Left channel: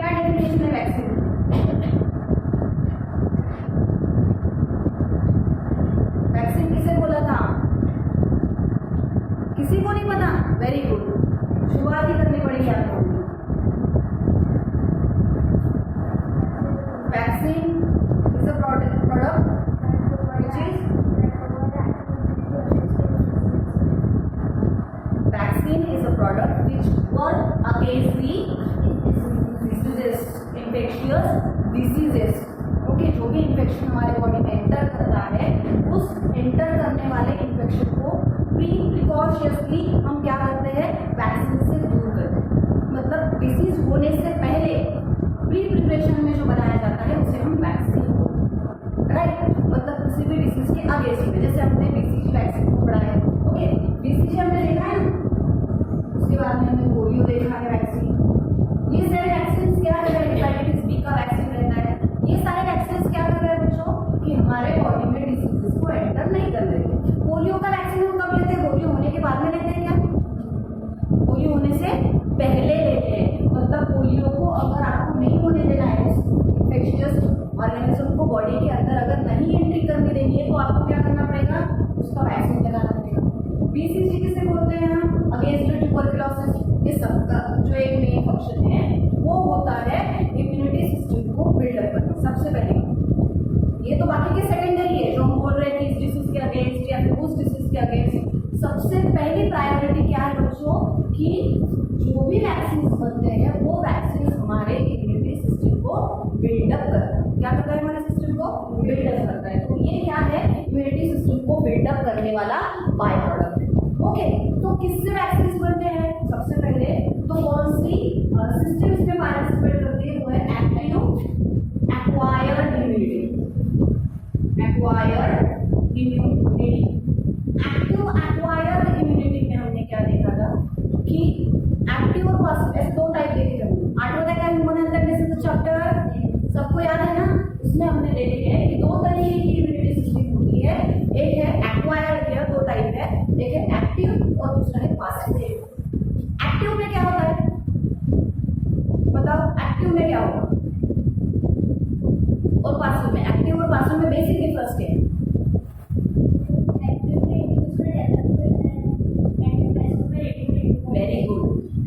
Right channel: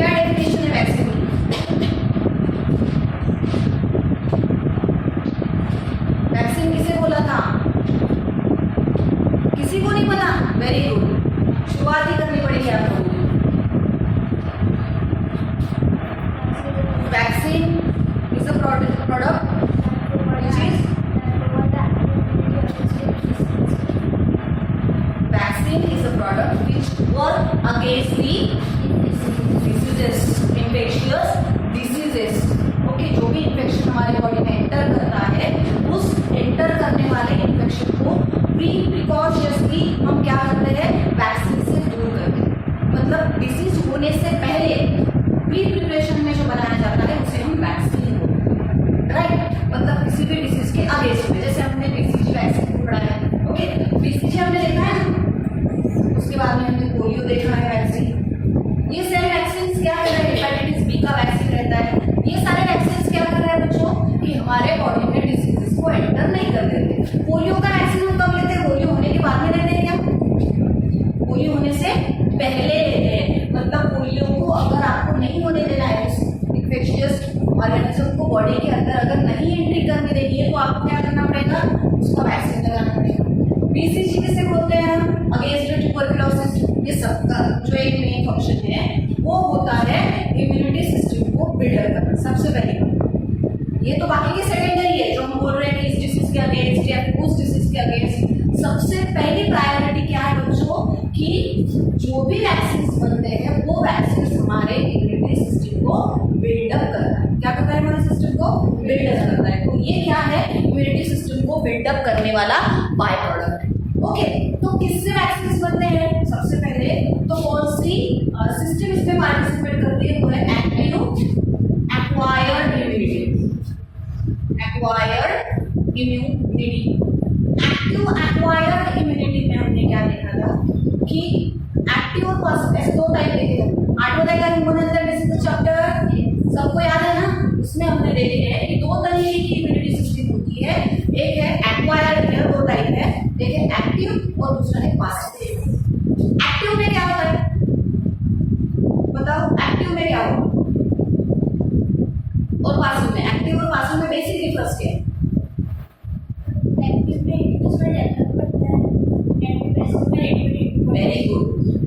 क्या डेफिनेशन है वैक्सीन की? वैक्सीन किसे बोला था? किसी को नहीं पता? वेरी गुड, शुरुआत ही करनी पड़ेगी आप लोगों को। Vaccine is a product which is vaccine is a product which work against the diseases, infectious diseases. Okay, जो भी इन्फेक्शन हमारे बॉडी में एंटर करता है उस एंटर करने वाले इन्फेक्शन को प्रिकॉशियसली हम क्या करते हैं? वैक्सीन से दूर करते हैं। मतलब डिसीज होने से पहले प्री प्रिपरेशन में जो बनाया जाता है उसे हम वैक्सीन बोलते हैं, राइट? मतलब किसी भी डिसीज के अगेंस्ट में, जैसे हमने बीसीजी वैक्सीन पढ़ा है, ओके, बीसीजी हमने देखा है ना, उसके बाद में हमने पोलियो देखा है वैक्सीन। ये सारे वैक्सीन क्या कर रहे हैं? हेपेटाइटिस बी का वैक्सीन रहता है। ये सारे वैक्सीन क्या कर रहे हैं बच्चों? कि हमारे बॉडी में डिसीजेस को एंटर नहीं कर देते। पोलियो का वैक्सीन हम कब लेते हैं? पोलियो होने के बाद में लेते हैं क्या? पोलियो होने से पहले लेते हैं। मतलब पोलियो को अगर आपको नहीं होने देना है, उस इन्फेक्शियस ऑर्गेनिज्म को बॉडी के अंदर अगर नहीं एंट्री करने देनी है, तो आपको क्या करना पड़ेगा? उसका वैक्सीन लगाना पड़ेगा। बीसीजी किसे बोलते हैं हम? Against tuberculosis. ये सबका जो एक मेन फंक्शन है वो होता है इम्यूनिटी सिस्टम को बिल्डअप करना, सबसे पहले। ये तो बाकी के सेकेंडरी है, जो हम बोल रहे हैं कि इस डिसीज के अगेंस्ट या फिर उस डिसीज के अगेंस्ट। सबसे पहली प्रायोरिटी क्या है बच्चों? कि जो भी वैक्सीन बनते हैं वो वैक्सीन हमारे इम्यूनिटी सिस्टम को बिल्डअप करता है। क्या करता है? हमारे सिस्टम को बिल्डअप करता है। तो ये क्या है? इम्यूनिटी सिस्टम को बिल्डअप करने वाला बाय प्रोडक्ट है। ओके, तो किससे वैक्सीन बनते हैं? सबसे पहले तो कौन सी सिस्टम इसमें पार्टिसिपेट करती है? वो है active acquired immunity. Acquired immunity, active acquired immunity में हमने क्या देखा था कि एक्टिव और पासिव ऐसे दो टाइप देखे थे। 8वां देखा इम्यूनोहेल्थ डिसीज चैप्टर, सबको याद है ना? उसमें हमने देखे हैं कि दो तरीके की इम्यूनिटी सिस्टम होती है। एक है एक्वायर्ड है, दो टाइप है, एक है एक्टिव और दूसरा है पासिव। एक्टिव में क्या होता है? बताओ, एक्टिव में क्या होता है और पासिव में? एक्टिव और पासिव में बेसिक डिफरेंस क्या है? Very good.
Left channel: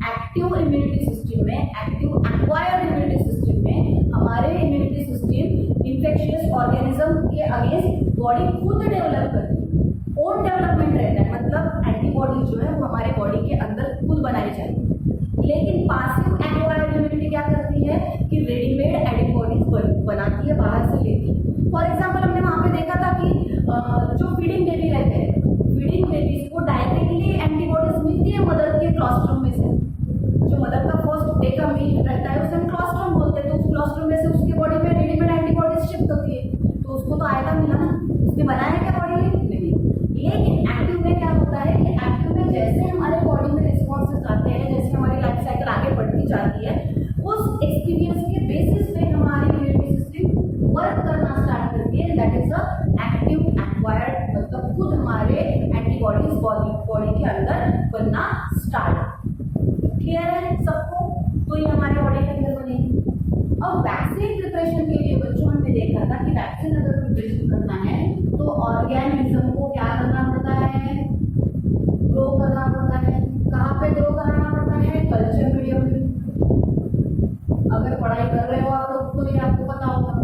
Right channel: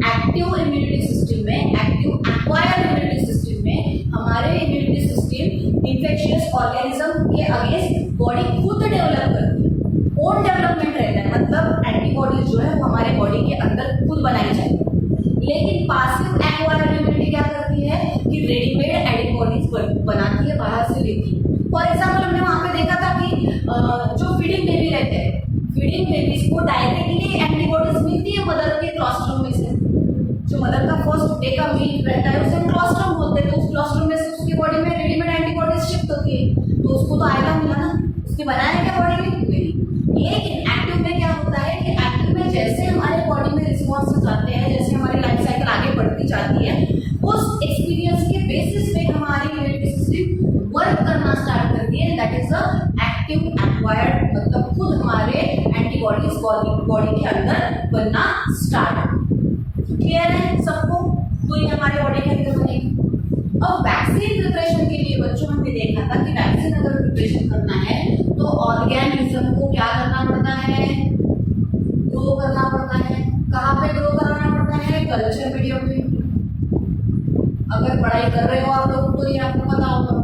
Active immunity system में, एक्टिव एक्वायर्ड इम्यूनिटी सिस्टम में हमारे इम्यूनिटी सिस्टम इन्फेक्शियस ऑर्गेनिज्म के अगेंस्ट बॉडी खुद डेवलप करती है, ओन डेवलपमेंट रहता है। मतलब एंटीबॉडीज जो है वो हमारे बॉडी के अंदर खुद बनाई जाएगी। लेकिन पासिव एक्वायर्ड इम्यूनिटी क्या करती है कि रेडीमेड एंटीबॉडीज बनाती है, बाहर से लेती है। फॉर एग्जाम्पल हमने वहां पे देखा था कि जो फीडिंग बेबी रहते हैं, फीडिंग बेबीज को डायरेक्टली एंटीबॉडीज मिलती है मदर के क्लोस्ट्रम में से। जो मदर का फर्स्ट डे का मिल्क रहता है उसे हम क्लोस्ट्रम बोलते हैं। तो उस क्लोस्ट्रम में से उसकी बॉडी में रेडीमेड एंटीबॉडीज शिफ्ट होती है, तो उसको तो आयता मिला ना, उसने बनाया क्या बॉडी में? नहीं। लेकिन एक्टिव में क्या होता है कि एक्टिव में जैसे हमारे बॉडी में रिस्पॉन्सेज आते हैं, जैसे हमारी लाइफ साइकिल आगे बढ़ती जाती है, उस एक्सपीरियंस के बेसिस पे हमारी इम्यूनिटी सिस्टम वर्क करना स्टार्ट करती है। That is a active acquired, मतलब खुद हमारे एंटीबॉडीज बॉडी के अंदर बनना स्टार्ट। क्लियर है सबको? तो ये हमारे बॉडी के अंदर बनेगी। अब वैक्सीन प्रिपरेशन के लिए बच्चों हमने देखा था कि वैक्सीन अगर प्रिपरेशन करना है तो ऑर्गेनिज्म को क्या करना पड़ता है? ग्रो करना पड़ता है। कहाँ पे ग्रो कराना पड़ता है? कल्चर मीडियम में। अगर पढ़ाई कर रहे हो आप लोग तो ये आपको पता होगा,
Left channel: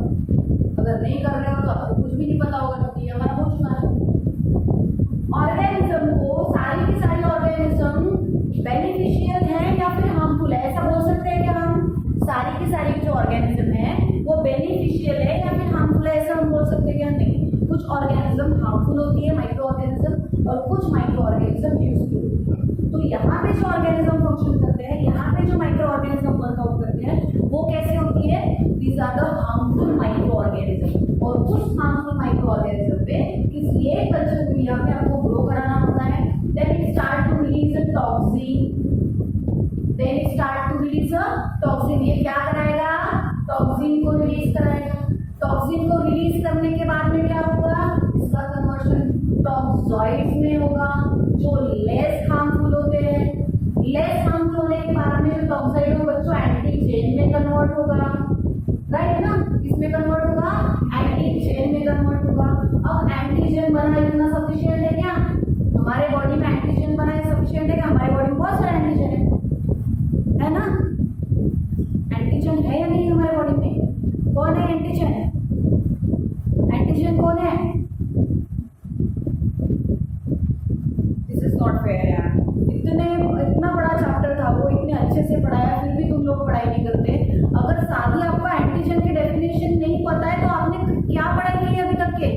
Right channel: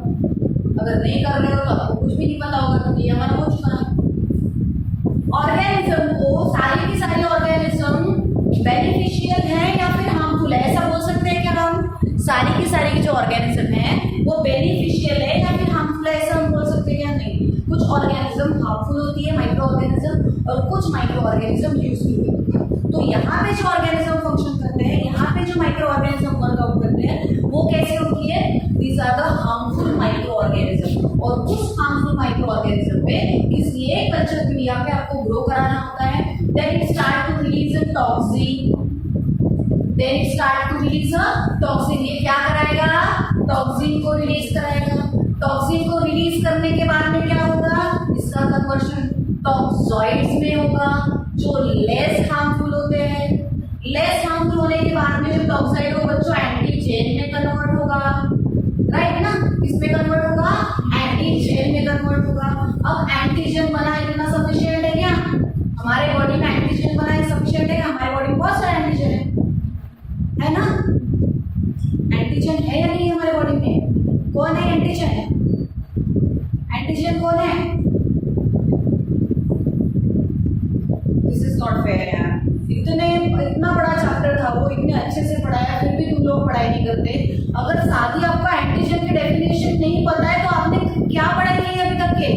अगर नहीं कर रहे हो तो आपको कुछ भी नहीं पता होगा, तो ये हमारा हो चुका है। ऑर्गेनिज्म को, सारी की सारी ऑर्गेनिज्म बेनिफिशियल है या फिर हार्मफुल है? ऐसा बोल सकते हैं क्या हम? सारी की सारी जो ऑर्गेनिज्म है वो बेनिफिशियल है या फिर हार्मफुल है, ऐसा हम बोल सकते हैं क्या? नहीं। कुछ ऑर्गेनिज्म हार्मफुल होती है, माइक्रो ऑर्गेनिज्म, और कुछ माइक्रो ऑर्गेनिज्म यूजफुल होती है। तो यहाँ पे जो ऑर्गेनिज्म फंक्शन करते हैं, यहाँ पे जो माइक्रो ऑर्गेनिज्म वर्कआउट करते हैं, वो कैसे होती है? These are the harmful micro organism. और उस हार्मफुल माइक्रो ऑर्गेनिज्म पे किसी एक कल्चर मीडिया पे आपको ग्रो कराना होता है। Then it start to release a toxin. Then it start to release a toxin. ये क्या कराएगा? टॉक्सिन को रिलीज कराएगा। टॉक्सिन को रिलीज करने के बाद में क्या होगा? इसका कन्वर्शन टॉक्सॉइड्स में होगा, जो लेस हार्मफुल होते हैं। लेस हार्मफुल होने के बाद में जो टॉक्साइड हो बच्चों एंटीजेन चेन में कन्वर्ट होगा, राइट ना, इसमें कन्वर्ट होगा, एंटी चेन में कन्वर्ट होगा। अब एंटीजन बना इतना सफिशिएंट है क्या? हमारे बॉडी में एंटीजन बना है सफिशिएंट है? हमारे बॉडी में बहुत सारे एंटीजन है ना? एंटीजन है या नहीं हमारे बॉडी में? कौन है एंटीजन? एंटीजन कौन है? दिस इज नॉट फेयर यार। इतना बड़ा चैप्टर था, वो इतने अच्छे से पढ़ाया, फिर भी तुम लोग पढ़ाई नहीं करते। अगर साथ ही आपका एंटीजन की डेफिनेशन नहीं पता है तो आपने क्या पढ़ाई की है अभी तक के?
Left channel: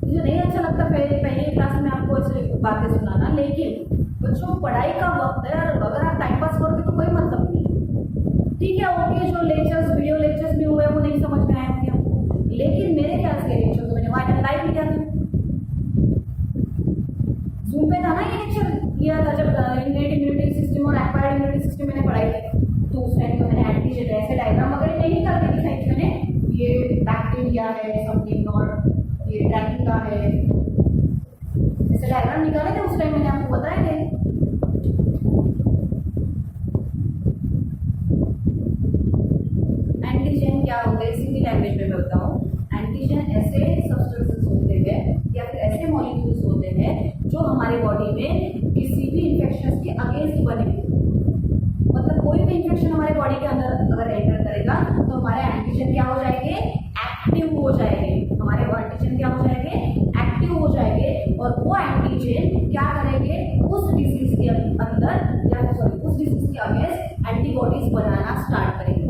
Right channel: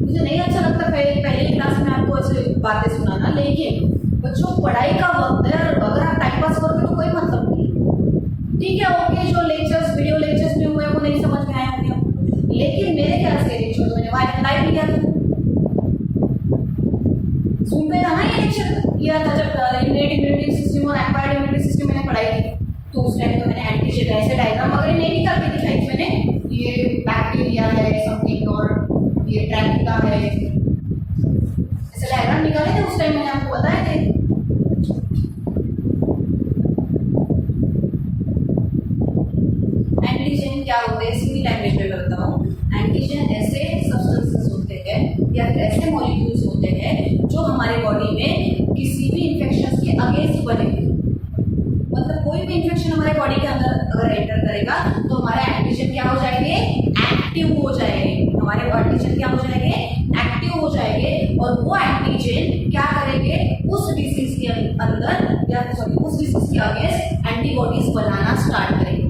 मुझे नहीं अच्छा लगता पहले क्लास में आपको ऐसे बातें सुनाना, लेकिन बच्चों पढ़ाई का वक्त है और अगर आप टाइम पास करोगे तो कोई मतलब नहीं। ठीक है, ओके, जो लेक्चर्स वीडियो लेक्चर्स में हुए वो नहीं समझ में आए होंगे, लेकिन मेरे ख्याल से लेक्चर तो मैंने लाइव लिया था, जूम पे था ना ये लेक्चर किया था जब इम्यूनिटी सिस्टम और एक्वायर्ड इम्यूनिटी सिस्टम मैंने पढ़ाई थी, तो उस टाइम तो मैंने एंटीजन ऐसे डायग्राम वगैरह नहीं निकाल के दिखाई थी मैंने, ये बैक्टीरिया है समथिंग और ये ड्रैकुला है, ऐसे डायग्राम निकाले थे उस टाइम, मैंने आपको बताए थे। एंटीजन क्या होते हैं सीधी लैंग्वेज में बताऊं। एंटीजन ऐसे सब्सटेंसेस होते हैं या फिर ऐसे मॉलिक्यूल्स होते हैं जो हमारे बॉडी में किसी भी इन्फेक्शन के अगेंस्ट बने हुए, मतलब कोई भी इन्फेक्शन हमारे बॉडी के अंदर अगर एंटर करेगा तो हमारे एंटीजन क्या हो जाएंगे? एक्टिव हो जाएंगे। हमारे एंटीजन क्या हो जाएंगे? एक्टिव हो जाएंगे, और वो एंटीजन क्या करेंगे? उस डिजीज के अंदर या सॉरी उस डिजीज के अगेंस्ट एंटीबॉडीज बनाना स्टार्ट करेंगे,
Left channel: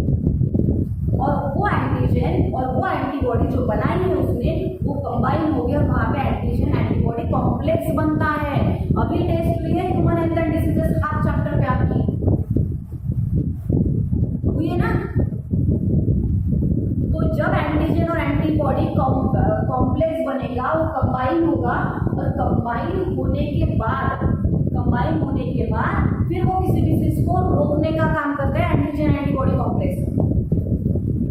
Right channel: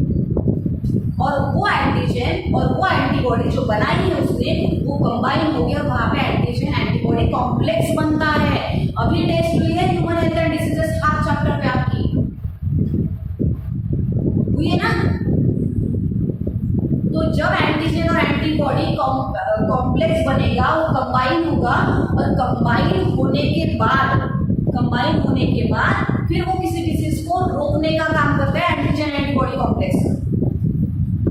और वो एंटीजन और वो एंटीबॉडी जो बनाई है उसने वो कंबाइन हो गया, वहां पे एंटीजन एंटीबॉडी कॉम्प्लेक्स बनता है। अभी टेस्ट हुई है human health and diseases half chapter पे आपकी हुई है ना। तो जब एंटीजन और एंटीबॉडी कॉम्प्लेक्स बनेगा, वो कंबाइन होगा, और कंबाइन होने के बाद फिर वो किसी डिजीज को रोकने का काम करते हैं एंटीजन एंटीबॉडी कॉम्प्लेक्स।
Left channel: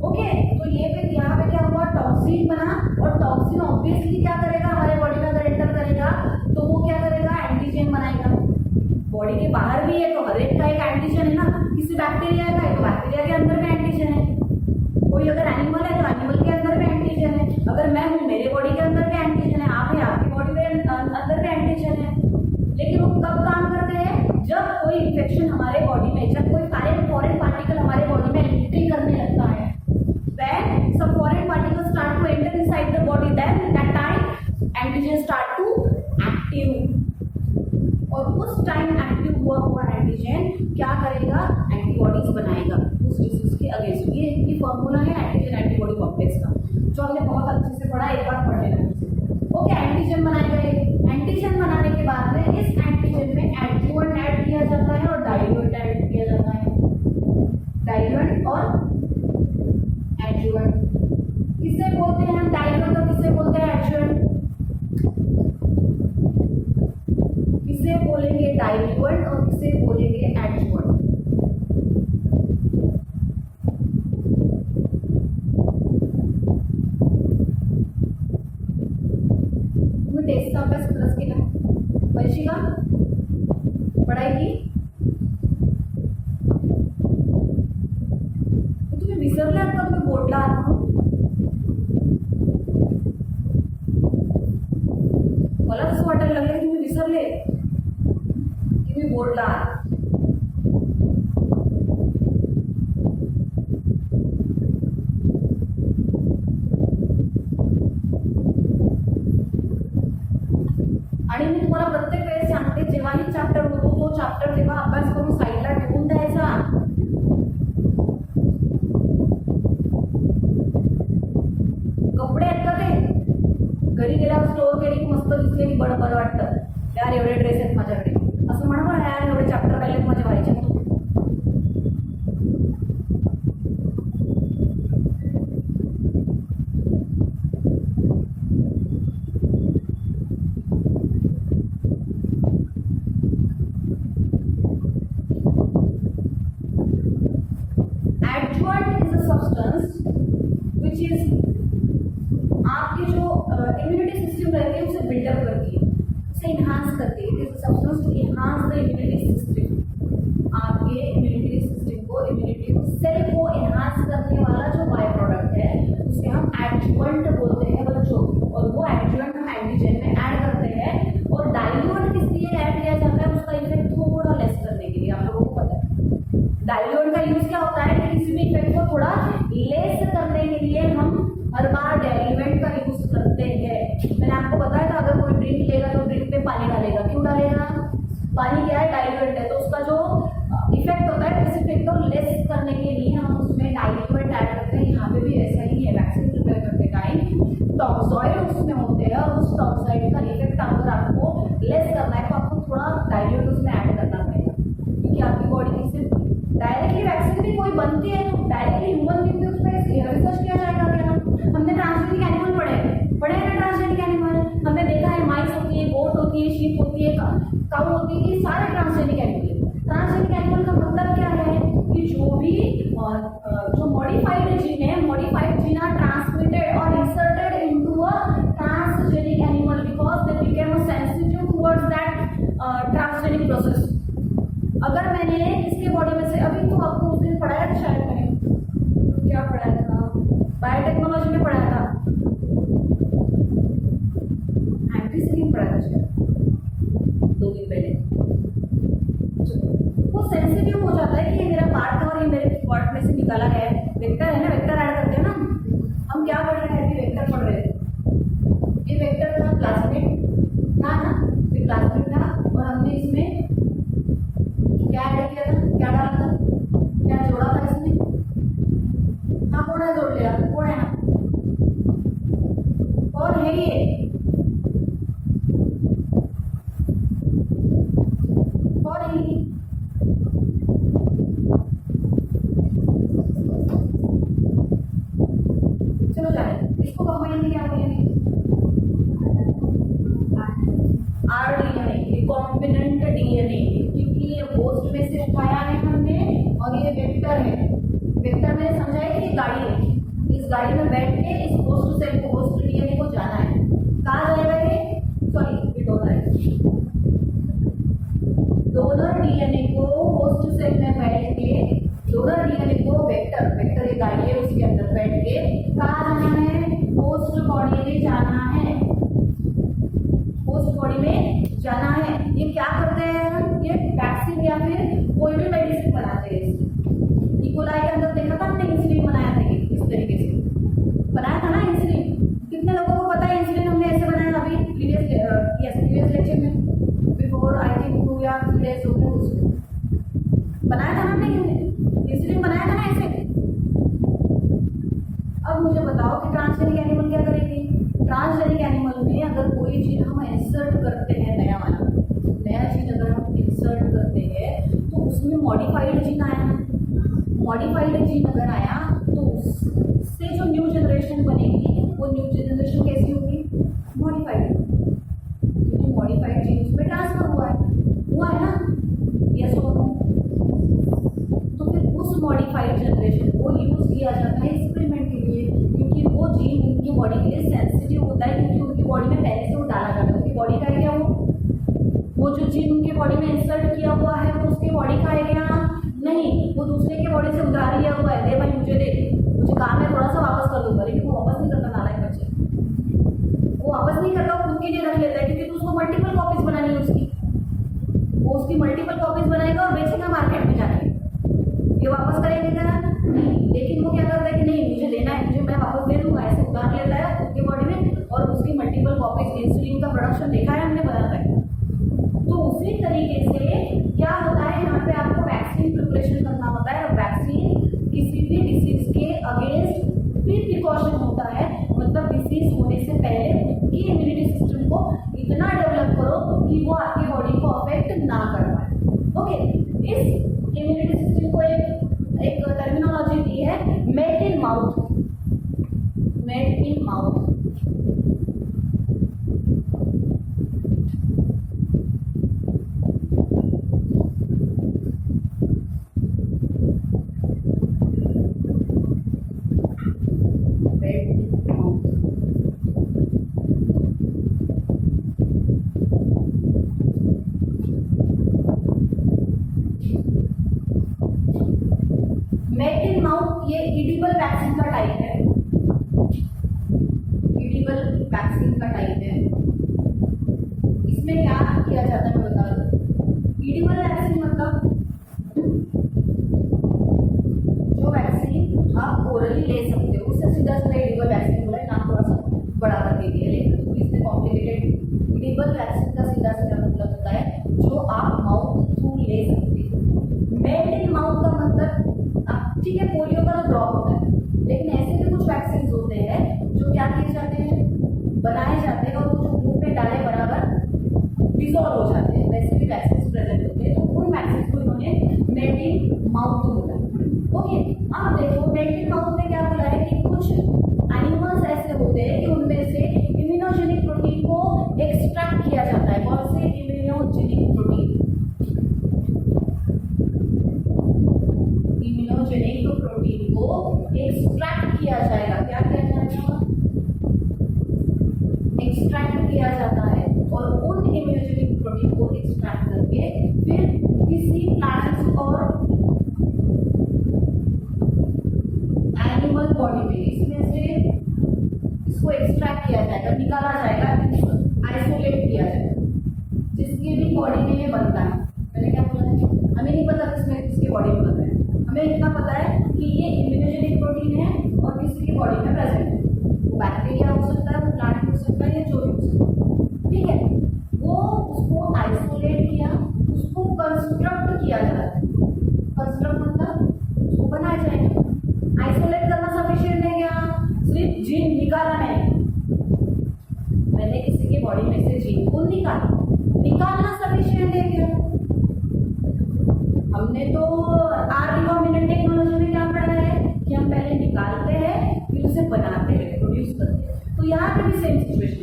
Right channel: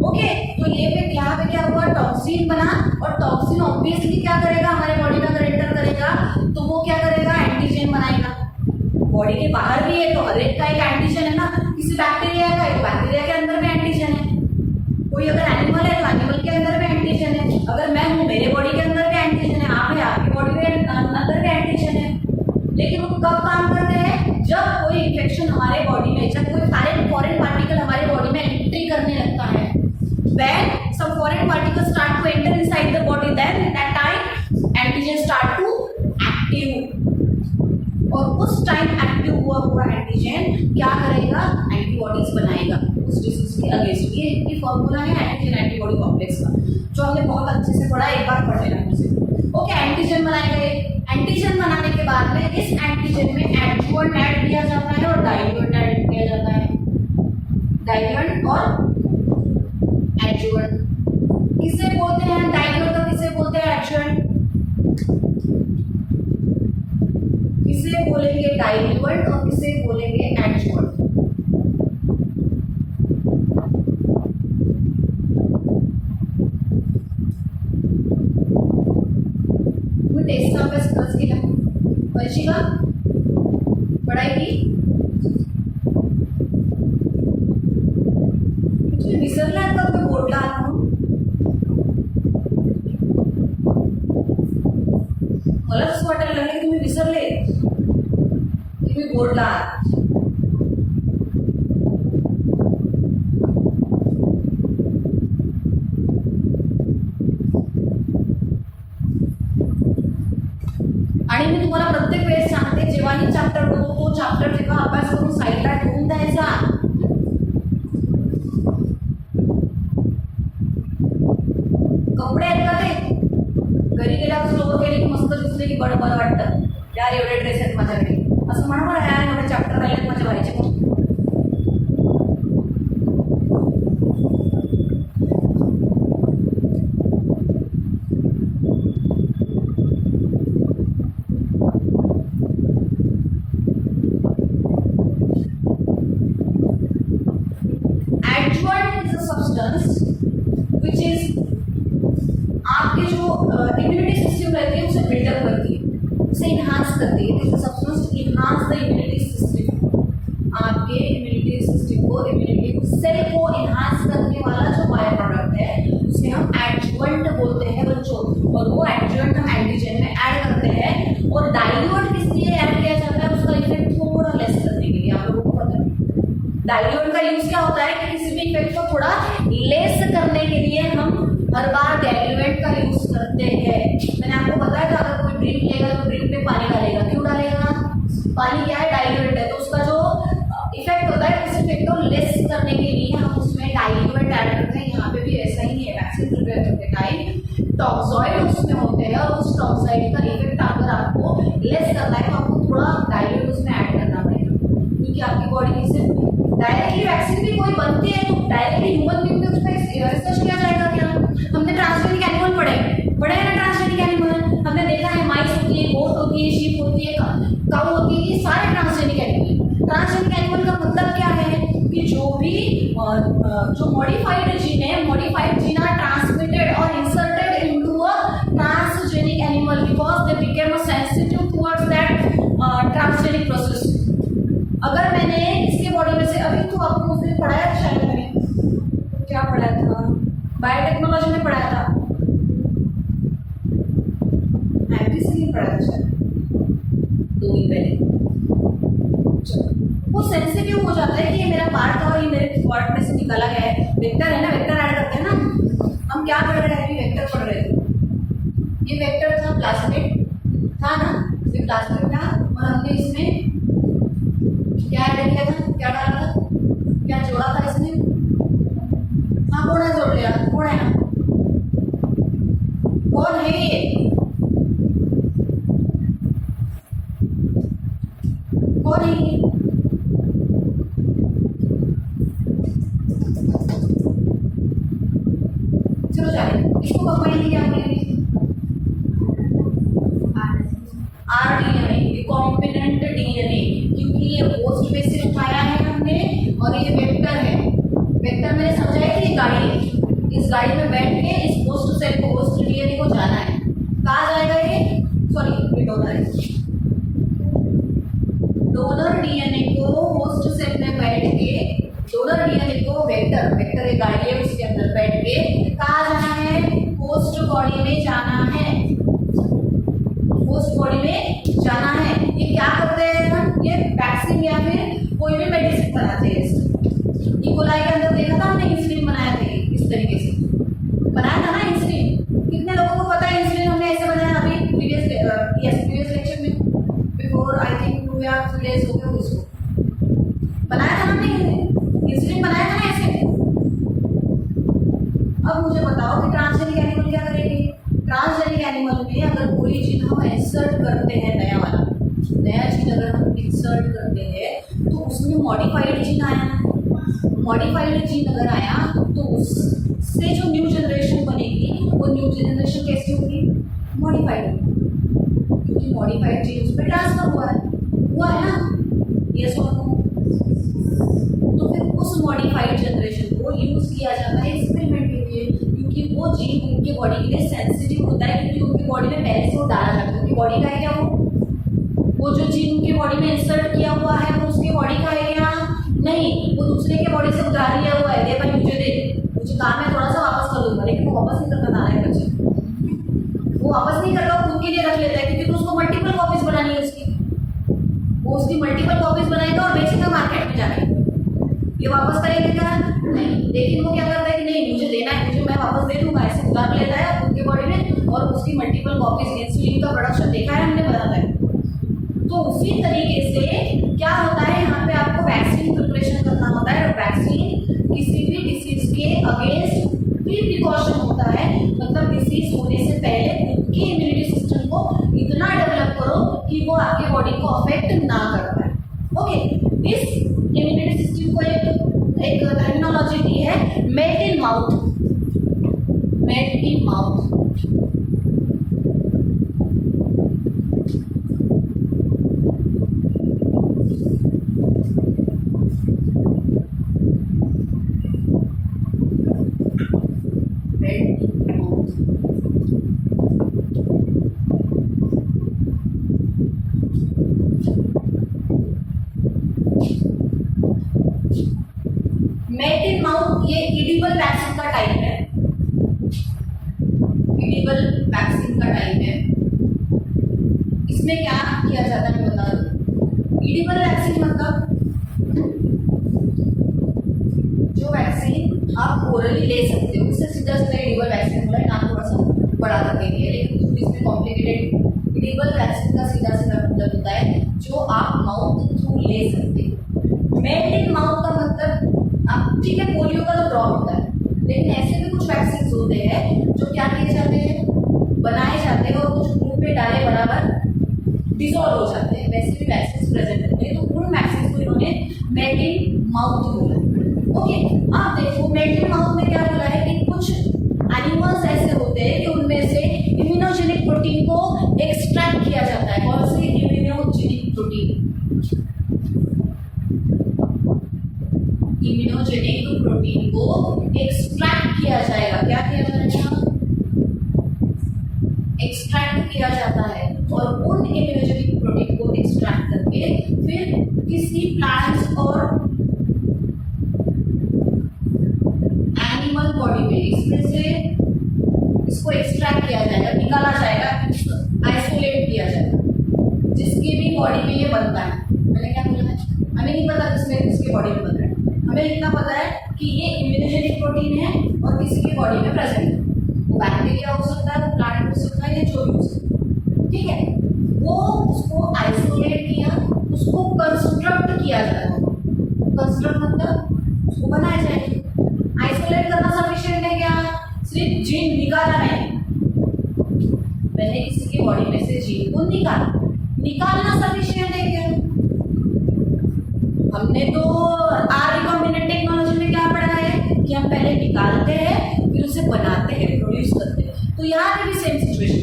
ओके, तो ये पे यहाँ पे क्या हुआ? टॉक्सिन बना, और टॉक्सिन ऑब्वियसली क्या करेगा? हमारे बॉडी में अगर एंटर करेगा तो वो क्या करेगा? एंटीजन बनाएगा। बॉडी के बाहर भी है तो हर एक का एक एंटीजन है ना, किसी बैक्टीरिया का है तो बैक्टीरिया के अंदर में एंटीजन है, कोई अगर एनिमल है तो एनिमल के अंदर में एंटीजन है, अगर मैं हूँ मेरे बॉडी के अंदर भी एंटीजन है, आप है आपकी बॉडी के अंदर भी एंटीजन है। लेकिन वो कब काम करते हैं? जब कोई इन्फेक्शन हमारे बॉडी में, जब कोई फॉरेन पार्टिकल हमारे बॉडी में एंट्री करने लगता है, when some foreign particles start to enter inside the body, then that time antigen start to active, और उस टाइम एक्टिव हुआ एंटीजन क्या करेगा? एंटीबॉडीज बनाएगा उस डिजीज के अगेंस्ट। ये फॉर्मूला है एंटीजन एंटीबॉडी कॉम्प्लेक्स का, जो हमने बहुत अच्छे से पढ़ा, एक बार पढ़ लेना मुझे। ओके, एंटीजन बनाएगा। एंटीजन बनाने के बाद में इस एंटीजन में एडजुवेंट ऐड किया जाता है और डाइल्यूएंट ऐड किया जाता है। डाइल्यूएंट और एडजुवेंट किसे बोलते हैं? डाइल्यूएंट और किसे बोलते हैं? एडजुवेंट। किसे बोलेंगे डाइल्यूएंट और किसे बोलेंगे एडजुवेंट? तुम्ही टेस्टचा अभ्यास खरंच केला? वर्षिका पढ़ाई की? तुम्ही विसरलात का? तुम्ही बोर्डला आहात म्हणून? मला असं वाटायला लागलं की तुम्ही विसरले की मी बोर्डला आहात. आणि मी तुम्हाला प्रत्येक वेळेस सांगते, जेव्हा ही चॅप्टर होतो तो चॅप्टर जेव्हा अभ्यास करून साईडला ठेवून द्यायचा. कपडे आहेत का ते घरी गेल्यावर स्टोअर केले की मस्त दिसले की बरं बरं वाटतं. यार एवढे ड्रेस आहेत माझ्याकडे असं म्हणा बरं, यार एवढे चॅप्टर राहिलेत माझ्या व्हायचे. Adjuvant is a substance which is आपके जो इम्यूनिटी सिस्टम रहती है उसे बिल्डअप करती है, उसे इन्हांस करती है. It is a substance to enhance the immunity system. आपके इम्यूनिटी सिस्टम को इम्यूनिटी सेल को एनहांस करने वाला जो बायो प्रोडक्ट है उसे हम एडजुवेंट बोलते हैं बच्चों, और वो एडजुवेंट हम एंटीजन में ऐड करते हैं। और डाइल्यूट किस लिए ऐड किया जाता है, उसका इफेक्ट थोड़ा लेस करने के लिए। आप लोगों को पता है डाइल्यूट का यूज क्या होता है कि किसी भी इफेक्ट को थोड़ा लेस करने के लिए हम हर बार डाइल्यूट का यूज करते हैं। मैंने आपको बताया था अगर कोई ड्रिंक लेगा तो ड्रिंक पे पानी डालेगा, क्यों डालेगा, पानी क्या है, डाइल्यूट है, तो उसका जो इफेक्ट होता है उस इफेक्ट को लेस करने के लिए हम उसमें डाइल्यूट ऐड करते हैं। यहाँ पे भी ऐसा ही है, वैक्सीन प्रिपेयर करते टाइम टॉक्सॉइड उसमें होते हैं और उस टॉक्सॉइड का इफेक्ट अगर आपको लेस करना है तो आपको थोड़ा डाइल्यूट उसमें ऐड करना पड़ेगा, क्योंकि आपकी बॉडी में से डायरेक्टली वैक्सीन भी कोई बनती है तो डायरेक्टली ह्यूमन बीइंग में उस पर रिसर्च किया जाएगा क्या। हमने ट्रांसजेनिक एनिमल पढ़े हैं ना, ट्रांसजेनिक एनिमल हमने देखा है, माइस होती है, गोट होती है, शीप होती है, काऊ होती है, ये सारे ट्रांसजेनिक एनिमल। ट्रांसजेनिक एनिमल का मतलब क्या है कि जो भी जो मॉडिफाइड जीन है, मॉडिफाइड जीन आर ट्रांसमिटेड और inserted into a transgenic animal because they became sensitive towards that transgenic process. अगर मैंने इसके बॉडी में से, अभी तो आपको उस दिन पढ़ाया था शायद, मैंने क्या पढ़ाया था, बायोटेक्नोलॉजी में पढ़ाया था, एमपीसी पढ़ाया था शायद 2 दिन पहले। वो सेंसिटिव हो जाता है कि ये मेरा पार्ट था और ये मेरे पार्ट में से निकाला गया है। वेक्टर है ना, वेक्टर ऐड करते हैं ना, हम क्या पढ़ रहे हैं, अभी वेक्टर पढ़ रहे थे। ये वेक्टर था, प्लाज्मिड था ना, ये प्लाज्मिड था और हमने इसमें क्या ऐड किया था, क्या डाला था, क्या जोड़ा था इसमें, हाँ कौन है जोड़ लिया, कौन है ना, कौन है ये, कौन है ये, चलो जाए इसको कंबाइन क्या बोलेंगे, आरडीएनए, रिकॉम्बिनेंट डीएनए, क्योंकि ये होस्ट में से उठाया है हमने और ये वेक्टर है। वेक्टर मैंने समझा है कि ये गाड़ी है, इस गाड़ी में बैठ के इस होस्ट सेल को, होस्ट डीएनए को जाना है, कहाँ जाएगा ये, सॉरी ये डोनर है, डोनर डीएनए को होस्ट सेल में बैठ के, डोनर डीएनए को वेक्टर, वेक्टर एक गाड़ी है उसके अंदर बैठ के कहाँ जाना है, होस्ट बॉडी में जाना है, होस्ट बॉडी में जाना है। ये क्या करते हैं हम, ये वैक्सीन या फिर कोई भी मेडिसिन बनाते हैं। इकोलाई के अंदर देखा था हमने, इंसुलिन बनाया था, इस तरीके से बनाया था ना इंसुलिन। कितने लोगों को पता है इंसुलिन हमने ऐसे बनाया, अभी प्रीवियस लेक्चर में, बिफोर आई थिंक 2 या 3 days हो गए उसको बनाया था हमने, इंसुलिन बनाया था ना ऐसे। अब मुझे बताओ कि ट्रांसजेनिक एनिमल क्या करेगी, ट्रांसजेनिक एनिमल में अगर कोई जीन हम इंसर्ट करते हैं, नया वाला नया जीन अगर हम इंसर्ट करते हैं तो उसमें मॉडिफाइड जीन आया, मॉडिफाइड जीन अगर आया तो उससे जो न्यू जनरेशन बनेगी वो न्यू जनरेशन कैसी होगी, मॉडिफाइड, क्योंकि मॉडिफाइड जीन उसमें ट्रांसफर हुआ है ना, यस और नो। तो फिर उस मॉडिफाइड जनरेशन को यूज किया जाता है एक्सपेरिमेंट के लिए, क्योंकि वो जीन उनकी बॉडी के लिए सेंसिटिव होता है, क्योंकि उनकी बॉडी में पहले से वो डाला जाता है। उनकी बॉडी का है क्या, वो जो जीन उनकी बॉडी में इंसर्ट किया हुआ है वो उसकी बॉडी का है क्या, नहीं, वो दूसरे के बॉडी से उधार लिया हुआ है, दे भाई मुझे दे, मुझे काम है थोड़ा सा वापस कर दूंगा, लेकिन वो वापस नहीं करता ना है बच्चे, वो वापस नहीं करता, खुद के लिए रख लेता है, क्योंकि तो उसको मल्टीपल कॉपीज बनानी है उसकी, वो उसकी मल्टीपल कॉपीज बनाएगा और बेचेगा मार्केट में जाके। ये वापस करेगा क्या, नहीं, लेकिन वो क्या करता है कि नहीं मुझे देना है, मुझे मैं वापस दे दूंगा, ऐसे उधार लेता है खुद के बॉडी में और उसकी मल्टीपल कॉपीज, इंसुलिन का प्रोडक्शन देखा है हमने, बताता है। तो उसी तरीके से क्या होता है, यहाँ पे आपको वैक्सीन प्रिपरेशन करना होता है, और वैक्सीन किसी भी डिसीज के अगेंस्ट प्री प्रिकॉशन होता है, मतलब डिसीज होने से पहले खुद की इम्यूनिटी सिस्टम को इतना डेवलप करो कि वो आपके बॉडी को अफेक्ट ना कर पाए। ओके, इस इम्यूनिटी सिस्टम को एक टर्मिनोलॉजी दी है, melt in mouth, melt in mouth. Melt in mouth ये इडिबल वैक्सीन का टाइप है, इडिबल वैक्सीन का टाइप है। इसमें क्या किया जाता है मैं बता दूं। इडिबल वैक्सीन मतलब जो वैक्सीन आप ओरली ले सकते हो उससे सीधा सीधा इडिबल वैक्सीन बोला है, नाम थोड़ा सा बड़ा करके दिया है लेकिन इसमें कॉम्प्लिकेटेड। इडिबल वैक्सीन का सीधा सीधा मतलब होता है जो आप माउथ थ्रू ले सकते हो। मेल्ट इन माउथ का मतलब आप ठीक है पोलियो का तो ड्रॉप होता है, लेकिन ऐसे भी कुछ वैक्सीन होते हैं जो क्या किए जाते हैं, बनाए जाते हैं और कुछ मुंह पे डाले बराबर डिसॉल्व हो जाते हैं, वैसे भी वैक्सीन प्रेजेंट होते हैं। तो उन वैक्सीन को इन्होंने मेल्ट इन माउथ बोला। ओके, आप देखो मेल्ट इन माउथ में क्या बोला है कि कुछ एनिमल्स ऐसे होते हैं कि उनमें से इम्यूनोजेनिक प्रोटीन को एक्सट्रैक्ट किया जाता है। कौन से इम्यूनोजेनिक प्रोटीन? इम्यूनोजेनिक प्रोटीन को एक्सट्रैक्ट किया जाएगा। क्या किया जाएगा? एक्सट्रैक्ट किया जाता है और उन इम्यूनोजेनिक प्रोटीन को एक्सट्रैक्ट करके फिर किसी प्लांट्स और एनिमल बॉडी में इसमें से इसको एक्सट्रैक्ट किया जाएगा, निकाला जाएगा, आइसोलेट किया जाएगा, जिसकी भी बॉडी में ये बनता है। मैंने क्या बोला है, हमें नहीं पता किसमें किसके बॉडी में बन रहा है, हमें इतना पता है कि ये इम्यूनोजेनिक प्रोटीन है और किसी की बॉडी में प्रेजेंट है। वो बैक्टीरिया हो सकता है, वो प्लांट हो सकता है, या जो भी हो सकता है, ठीक है। वो उसको आइसोलेट किया, उसको कंस्ट्रक्ट किया जाएगा। कंस्ट्रक्ट मतलब उसको बनाया जाएगा। आइसोलेट करना सफिशिएंट है क्या? सिर्फ जीन निकाला नहीं, मैंने किसी के बॉडी में से जीन को निकालना सफिशिएंट है क्या? हमने तो रिकॉम्बिनेंट टेक्नोलॉजी में क्या पढ़ा है कि हम पहले निकालते हैं फिर उसे बनाते हैं, प्रोड्यूस करते हैं। तो यहाँ पे भी सेम सिचुएशन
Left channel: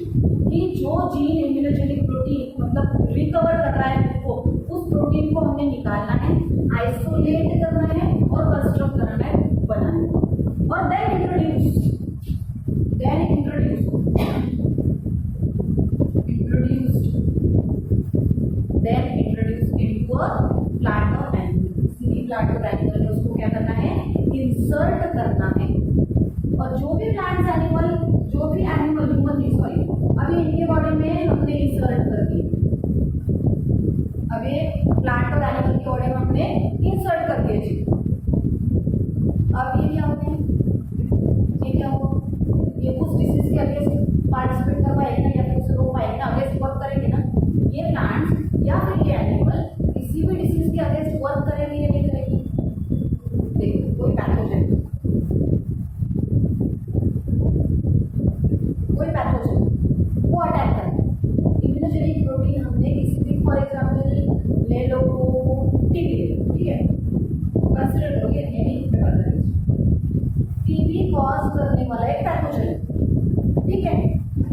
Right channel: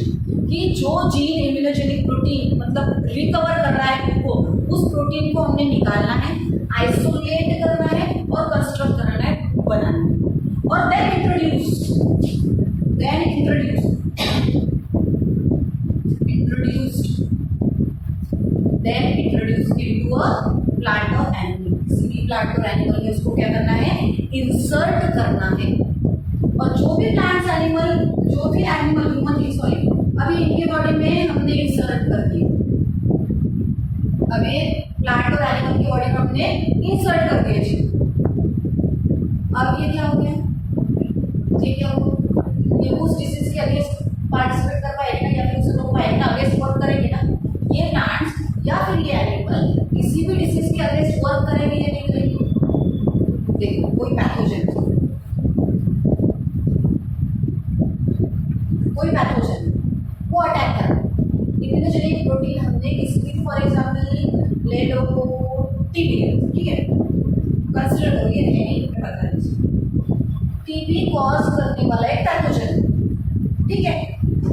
कि जो जीन इम्यूनोजेनिक प्रोटीन मतलब रिकवर कर रहा है खुद को, उस प्रोटीन को हमने निकालना है, आइसोलेट करना है और कंस्ट्रक्ट करना है, बनाना है, और then introduce into a plant और एनिमल। किसी भी प्लांट और एनिमल में उसको क्या करना है? इंसर्ट करना है। और जो भी प्लांट्स एनिमल, जो भी एनिमल ह्यूमन की सॉरी अभी इनके बॉडी में हमने इंसर्ट कर दिया, अभी प्लांट और एनिमल की बॉडी में हमने इंसर्ट कर दिया जी। अब ये क्या हो गया? ये क्या हो? ये उस डिसीज के अगेंस्ट पार्टिसिपेट कर पाएगा या फिर उसे रोक पाएगा, अगेंस्ट वर्क करेंगे ना। ये प्लांट्स या फिर ये एनिमल किसी भी डिसीज के अगेंस्ट वर्क करेंगे या नहीं करेंगे? देखो कोई पैथोजन वो अटैक कर रहा है, इम्यूनोजेनिक प्रोटीन हमने किसी भी फॉर एग्जाम्पल ले लो टीबी, ठीक है, कंसिडर करो ये नहीं टीबी कॉज करने वाला एक पैथोजन, ठीक है।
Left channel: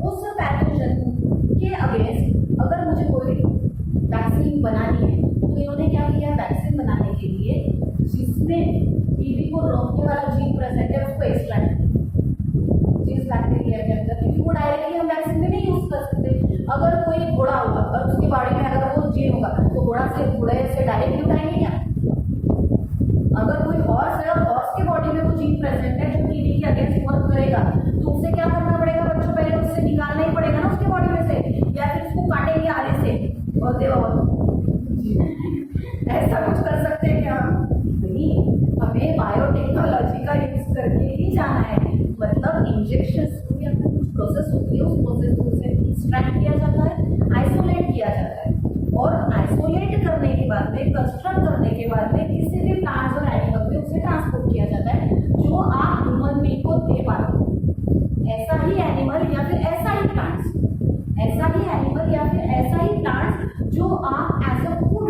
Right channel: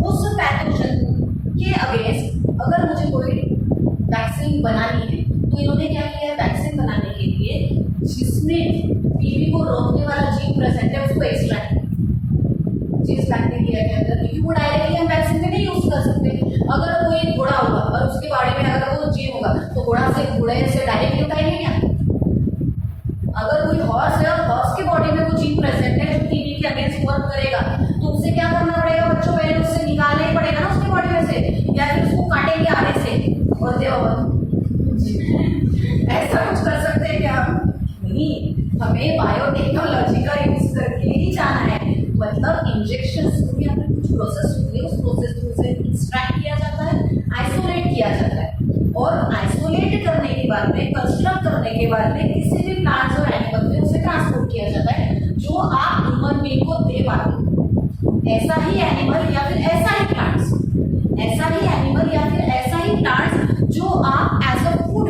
उस पैथोजन के अगेंस्ट अगर मुझे कोई वैक्सीन बनानी है तो इन्होंने क्या किया है? वैक्सीन बनाने के लिए जिसमें टीबी को रोकने वाला जीन प्रेजेंट है उसको एक्सट्रैक्ट जिस बैक्टीरिया के अंदर, क्योंकि वो डायरेक्टली हम वैक्सीन में नहीं यूज कर सकते। अगर कोई घोड़ा होगा और उसके बारे में अगर वो जीन होगा तो घोड़े से डायरेक्टली उठाएंगे क्या? अगर कोई हॉर्स है और हॉर्स के बॉडी में वो जीन प्रेजेंट है जो टीबी के अगेंस्ट वर्क करेगा तो उसे क्या करना पड़ेगा बच्चों? पहले उससे निकालना ही पड़ेगा ना उसके बॉडी में से, या फिर उसको काटेंगे आगे से और दे ऐसा कुछ कर सकते हैं क्या हम? नहीं, हमें बायोटेक्नोलॉजी का यूज करके ही जाना है। मतलब इंजेक्शन या फिर कुछ प्रोसेस होती है, उस प्रोसेस को उसे एक्सट्रैक्ट किया जाता है, आइसोलेट किया जाता है, और आइसोलेट करने के बाद में, कंस्ट्रक्ट करने के बाद में किसी भी प्लांट्स और एनिमल में उसे ट्रांसपोर्ट किया जाता है जो आप ह्यूमन बीइंग को दे पाते हो। ऐसा ही एनिमल या फिर ऐसा ही प्लांट्स, ऐसा ही एनिमल या फिर ऐसा ही प्लांट्स जो आप एज अ फूड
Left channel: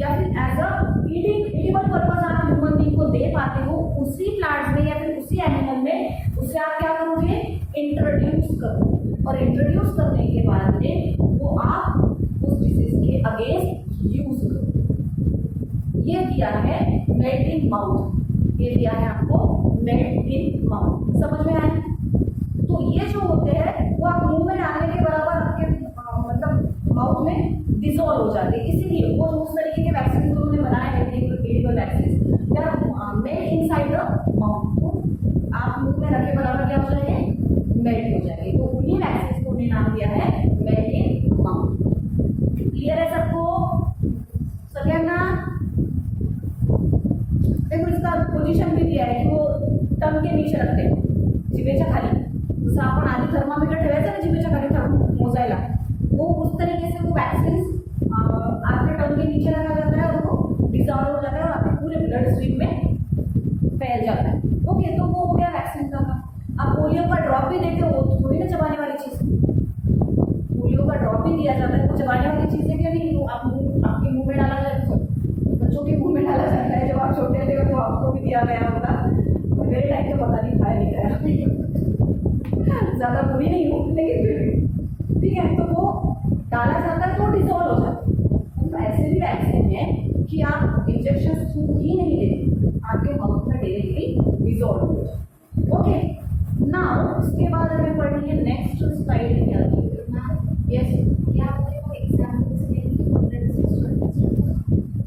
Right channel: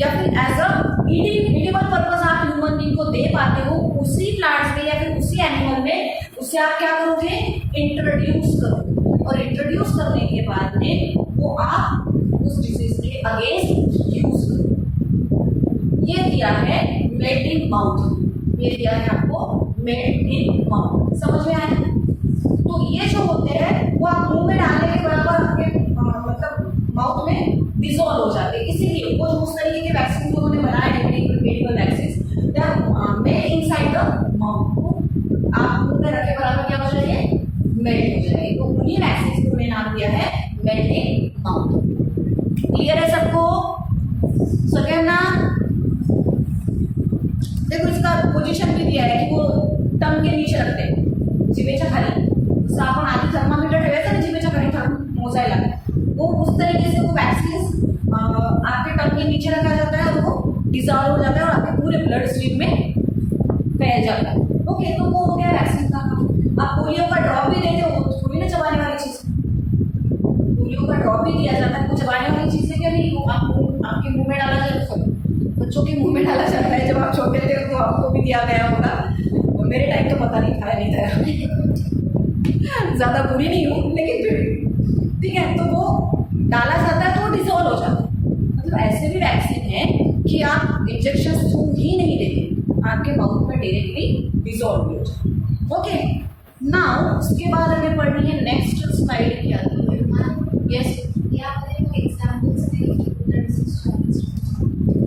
या फिर एज अ ईडिबल पर्पस आप ह्यूमन बीइंग को दे पाते हो, उसी प्लांट्स में या फिर उसी एनिमल में उसे आप क्या करोगे? इंट्रोड्यूस करो, और इंट्रोड्यूस करने के बाद में वो आप उस डिसीज के अगेंस्ट यूज करो। ये दिया है मेल्ट इन माउथ, ये दिया है आपको मेल्ट इन माउथ, समझ में आया? तो ये जो होते हैं वो आप मुंह में डालने के बराबर आपके मतलब माउथ में डिसॉल्व हो जाते हैं। इसीलिए वो उस तरीके के वैक्सीन जो उन्होंने बनाए हैं, medical vaccine, they are made inside the आप मुंह में रखे बराबर क्या हो जाएंगे, मेल्ट हो जाएंगे। तो उन्हीं वैक्सीन को हमने नाम दिया है मेल्टिंग माउथ। क्लियर है सबको? सेकेंड ना, देखो इसका पोजीशन भी दिया है की वो टंग के नीचे रखते हैं, जिभेच्या खाली। जसं आपण आधी थर्मामीटर ठेवायचं ना जिभेच्या खाली थर्म मोजायला, वो उस तरीके से वो वैक्सीन आपके टंग के नीचे रखा जाता है और वो डिजॉल्व हो जाता है और आपके पूरे ब्लड स्ट्रीम में फैल जाता है। ओके, तो वो हो गया वैक्सीन का काम। आप पोलियो का ड्रॉप भी देते हो, थोड़ी ना चबाने वाली चीज़, पोलियो का ड्रॉप भी दिया जाता है, वो चबाने वाली चीज़ है क्या नहीं? वो आपके मुंह में डाला जाता है, बच्चों के मुंह में डाला जाता है। जब आप छोटे थे तो आपको भी दिया गया होगा, और मेरे टाइम तो पता नहीं था, नहीं था ज़्यादा बुरी नहीं हूँ लेकिन फिर भी ठीक है। तो वो डाला जाता है तो वो डिजॉल्व हो जाता है। मतलब ऐसे भी वैक्सीन है कि आप इंजेक्शन थ्रू ही नहीं देते, आपके माउथ में डायरेक्टली डिजॉल्व भी हो जाता है। ओके, नाउ उसके बाद हमें पढ़नी है नेक्स्ट स्लाइड क्या आती है। यस,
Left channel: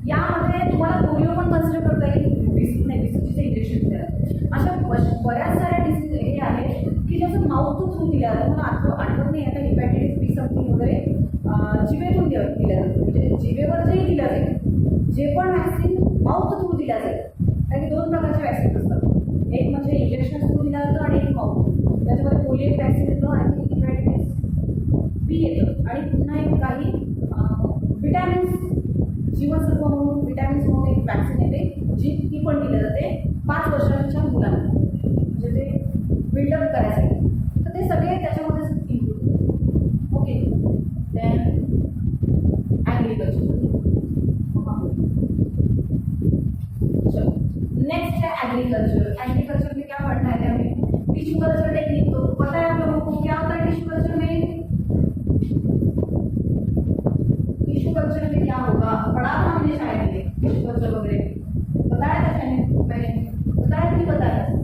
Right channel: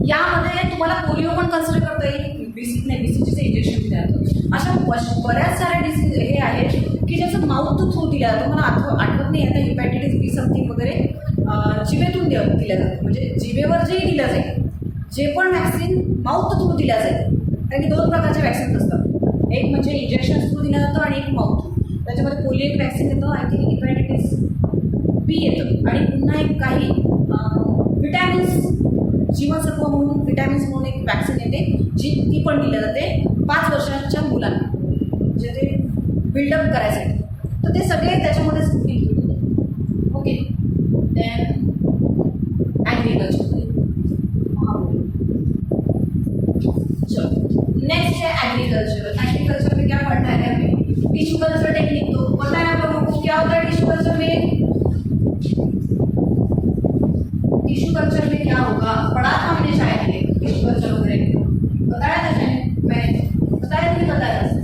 यामध्ये तुम्हाला पोलिओ पण कन्सिडर करता येईल, बीसी नाही, बीसीजीचे इंजेक्शन दिले जातं। अशा बऱ्याच साऱ्या डिसीज हे आहेत की ज्याचं माउथ थ्रू दिल्या जातं। मला आठवत नाही आता, हिपॅटायटिस बी समथिंग वगैरे जिभेतून दिल्या जातं, म्हणजे जिभेवर जेही दिलं जाईल, जे पण वॅक्सिन माउथ थ्रू दिल्या जाईल। कारण की दोन प्रकारचे वॅक्सिन असतात, एक म्हणजे इंजेक्शन थ्रू दिलं जातं आणि एक माउथ थ्रू। त्याच्यामध्ये पोलिओ एक वॅक्सिन येतं, आय थिंक हिपॅटायटिस बी येतं, आणि पुन्हा एक काही विटॅमिन्स, जीवनसत्व म्हणून विटॅमिन्स म्हणून एक वॅक्सिन येते, जी ती पण दिली जाते 5 वर्षांच्या मुलांना, म्हणजे ते बिल्डअप करायसाठी। तर ते सगळे त्याच्यामध्येच इन्क्लूड होते। ओके, देन ॲग्रिकल्चर, चलो नेक्स्ट है एग्रीकल्चर। एग्रीकल्चर में क्या पढ़ना है हमें? Tissue culture technique. तो पता है आप लोगों को क्या होता है टिश्यू कल्चर में? टिश्यू कल्चर में क्या होगा, पढ़ा था मैंने शायद ये टिश्यू कल्चर वगैरह, बताया था शायद, मैं बताया नहीं बताया था।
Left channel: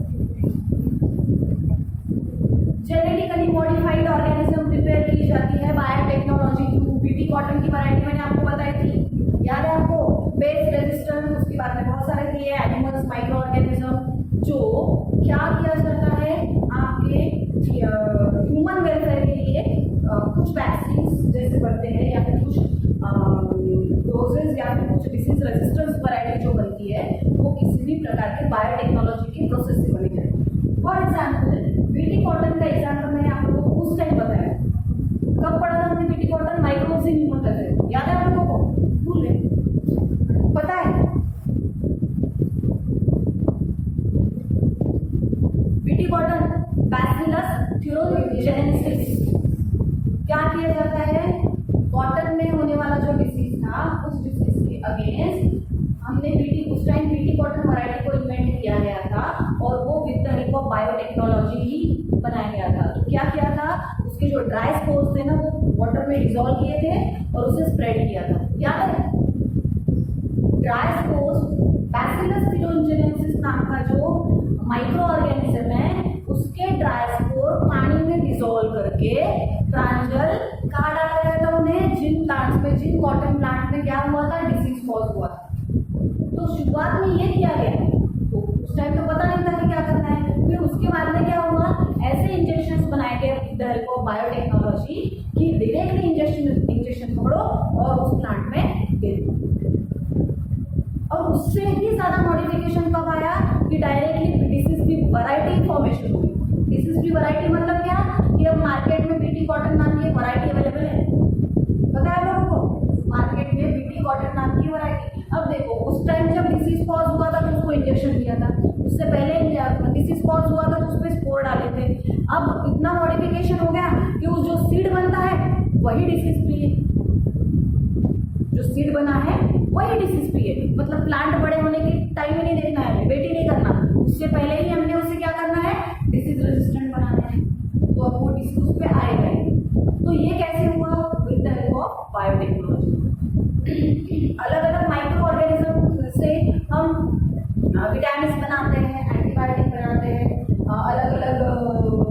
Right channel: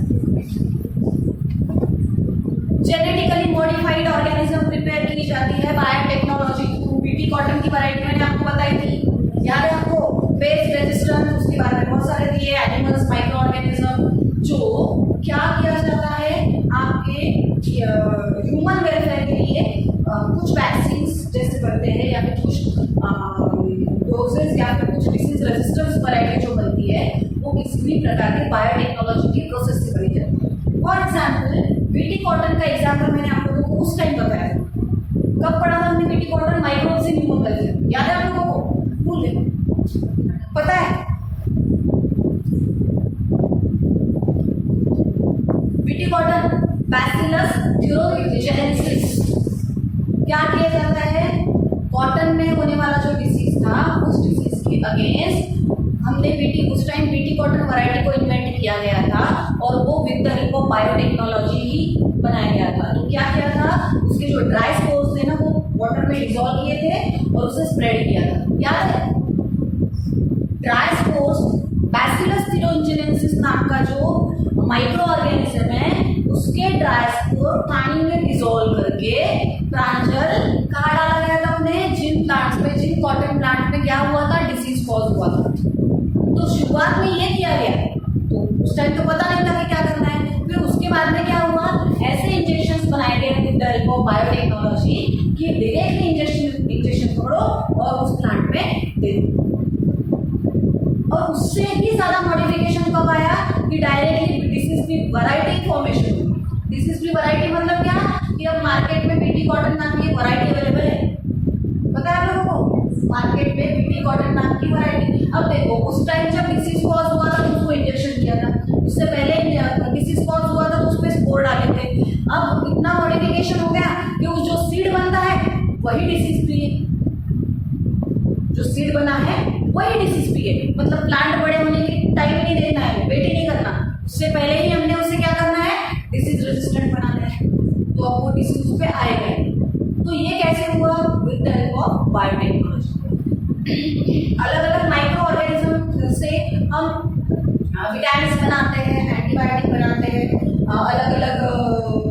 जेनेटिकली मॉडिफाइड ऑर्गेनिज्म प्रिपेयर की जाती है बायोटेक्नोलॉजी थ्रू। बीटी कॉटन की वैरायटी मैंने आपको बताई थी, याद है आपको? बेस रेजिस्टेंस, उसके बारे में बहुत सारे दिए, एनिमल्स, माइक्रो ऑर्गेनिज्म, जो क्या किया जाता है आपके ह्यूमन वेलफेयर के लिए कुछ वैक्सीन जैसे बनते हैं, या फिर कुछ डोजेज या फिर कुछ डिसीज रेजिस्टेंस वैरायटी जो बनती है वो किसी भी प्रकार के बायोटेक्नोलॉजी की प्रोसेस से बनी जाती है। फॉर एग्जाम्पल बीटी कॉटन का एग्जाम्पल मैंने आप लोगों को उस टाइम बताया। कब पढ़ा था हमने BT cotton? Microbes in human culture, याद है आप लोगों को? भूल गए? पता है? बीटी कॉटन बैसिलस थ्यूरोजेनेसिस, क्या किया जाता है? कॉटन में होने वाला जो डिसीज था उस डिसीज के अगेंस्ट हमने उस टाइम बीटी कॉटन वैरायटी को इन्वेंट किया गया था, और वो with the help of biotechnology ही बनाया गया था। तो क्या किया था, उसके जो ड्राई स्पोर्स थे ना वो वाटर में डिजोल्व किए थे और उसे स्प्रेड किया था, याद है? ड्राई स्पोर्स, बैसिलस थ्यूरोजेनेसिस नाम का जो माइक्रो ऑर्गेनिज्म है, उसके ड्राई स्पोर पानी में डिजोल्व करके प्रांजल कहाँ डाला गया था उन्हें? जिन प्लांट्स में, जिन कॉटन प्लांट में क्या हुआ था? डिसीज कॉज हुआ था। तो शुरुआत में ये किया गया, तो उस टाइम तो पता नहीं था कि क्या करना है। फिर उसके बाद में क्या हुआ, ऐसे इंजेक्शंस बनाए गए with the help of biotechnology कि डायरेक्टली इंजेक्शन पकड़ो और उस प्लांट में दे दो। और उससे भी ज़्यादा मॉडिफिकेशन कब आया कि डायरेक्टली डिसीज की वैरायटी फॉर्मेशन हुई। डिसीज की वैरायटी मतलब क्या कि अब मार्केट में बीटी कॉटन नाम की वैरायटी अवेलेबल है, पता है लोगों को? मार्केट में बीटी कॉटन नाम की वैरायटी। अब देखो उस टाइम जब डिसीज कॉज हुआ था तो उसको इंजेक्शन दिया था, उससे पहले डिसीज कॉज हुआ था तो उस पर स्पोर डाले थे। अब इतना मॉडिफिकेशन हो गया कि वो जो सीड बनता है वही डिसीज पिए, जो सीड बना है वही डिसीज पिए। मतलब प्लांट बड़े होने के टाइम ही नहीं देना है, वेट ही नहीं करना, उससे पहले ही हमने उसे क्या करना है? डिसीज रेजिस्टेंट बनाना है, तो अब वो डिसीज उस पर आएगा। तो ये कैसे हुआ? With the help of biotechnology. अलग अलग माइक्रो ऑर्गेनिज्म से हम विटामिन बनाते हैं, एंटीबायोटिक बनाते हैं, अलग अलग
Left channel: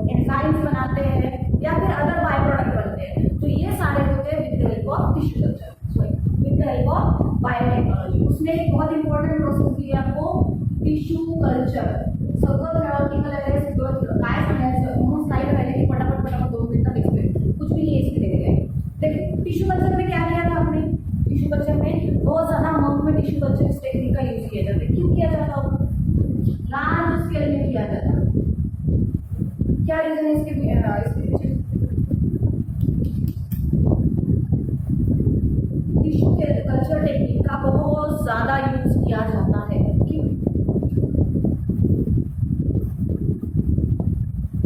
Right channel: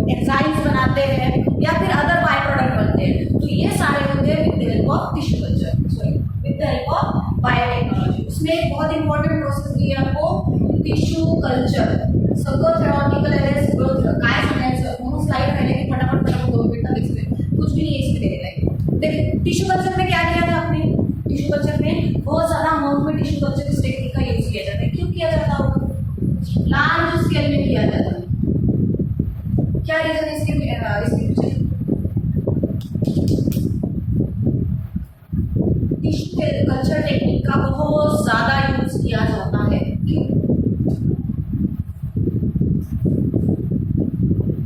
एंजाइम्स बनाते हैं, या फिर अदर बाय प्रोडक्ट बनते हैं। तो ये सारे होते हैं with the help of tissue culture, sorry with the help of biotechnology. उसमें एक बहुत इंपॉर्टेंट प्रोसेस दी है आपको, टिश्यू कल्चर सगळं थेरॉटिकल आहे, सगळं काय सांगायचं म्हणून स्लाइड राहिले की फटाफट फटाफट 2 मिनट एक्सप्लेन, कुछ भी नहीं इसमें देना है। देखिए टिश्यू कल्चर में क्या किया था आपने, टिश्यू कल्चर में बहुत ज़्यादा अमाउंट में टिश्यू कल्चर इस टेक्निक का यूज़ किया जाता है। क्यों किया जाता होगा, लार्ज स्केल में किया जाता है, क्या रीजन है इसके पीछे, टिश्यू कल्चर टेक्निक का बहुत ज़्यादा यूज किया जाता है। क्यों,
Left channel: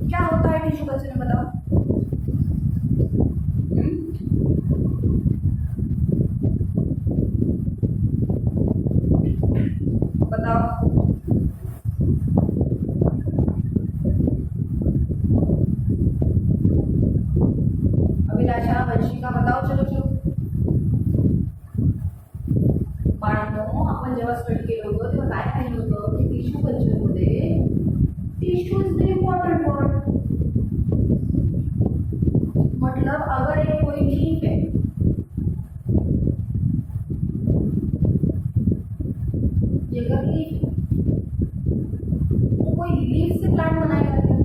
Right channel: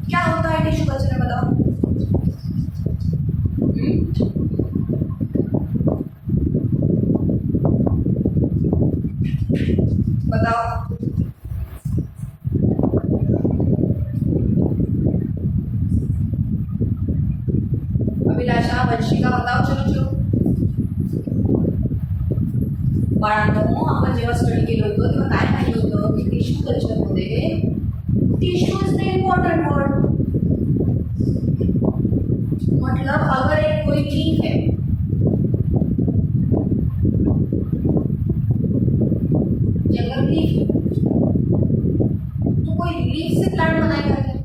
क्या होता है टिश्यू कल्चर में बताओ, बताओ। अभिलाषा, वंशिका बताओ, चलो चलो। बाळांनो, आपण जेव्हा स्टडी केलं होतं तेव्हा काय पाहिलं होतं की टिश्यू कल्चरमध्ये tissue is the important word. मतलब अगर एक कोई लीफ है, अगर लीफ तो कोई लीफ से प्लांट बनाएगा क्या,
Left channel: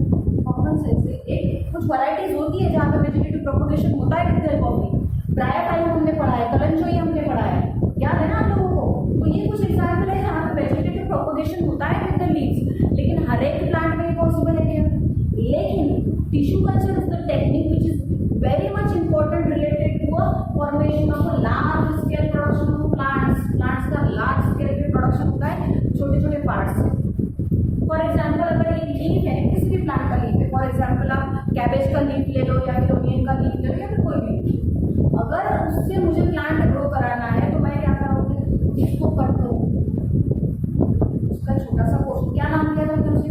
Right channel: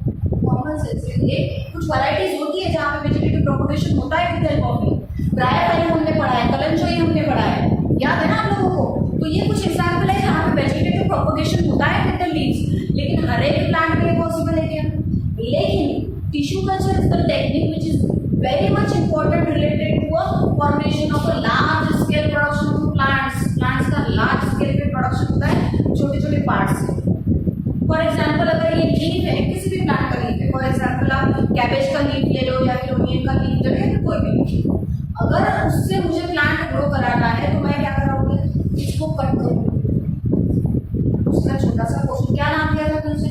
कॉमन सेंस से। एक कुछ वैरायटीज होती है जहाँ पे वेजिटेटिव प्रोपगेशन होता है with help of leaf, bryophyte हमने पढ़ा है, कलंजोई हमने पढ़ा है, याद है ना आप लोगों को। तो ये कुछ एग्जाम्पल है जहाँ पे वेजिटेटिव प्रोपगेशन होता है विद द लीव्स, लेकिन हर एक प्लांट में पॉसिबल है क्या। लेकिन tissue culture is the technique which is very much important related to a formation of a large scale production of plants. Plants का लार्ज स्केल पे प्रोडक्शन होता है छोटे छोटे पार्ट से। फॉर एग्जाम्पल अगर ये लीफ है, किसी भी प्लांट का लीफ है, फॉर एग्जाम्पल आप कैबेज का लीफ ले लो या फिर ओनियन का लीफ ले लो या फिर कोई भी, अगर उससे मुझे प्लांट ग्रो कराना है तो मैं क्या करूँगी, इसको कट करूँगी, उसका छोटा सा पोर्शन, क्या नाम दिया था उसे,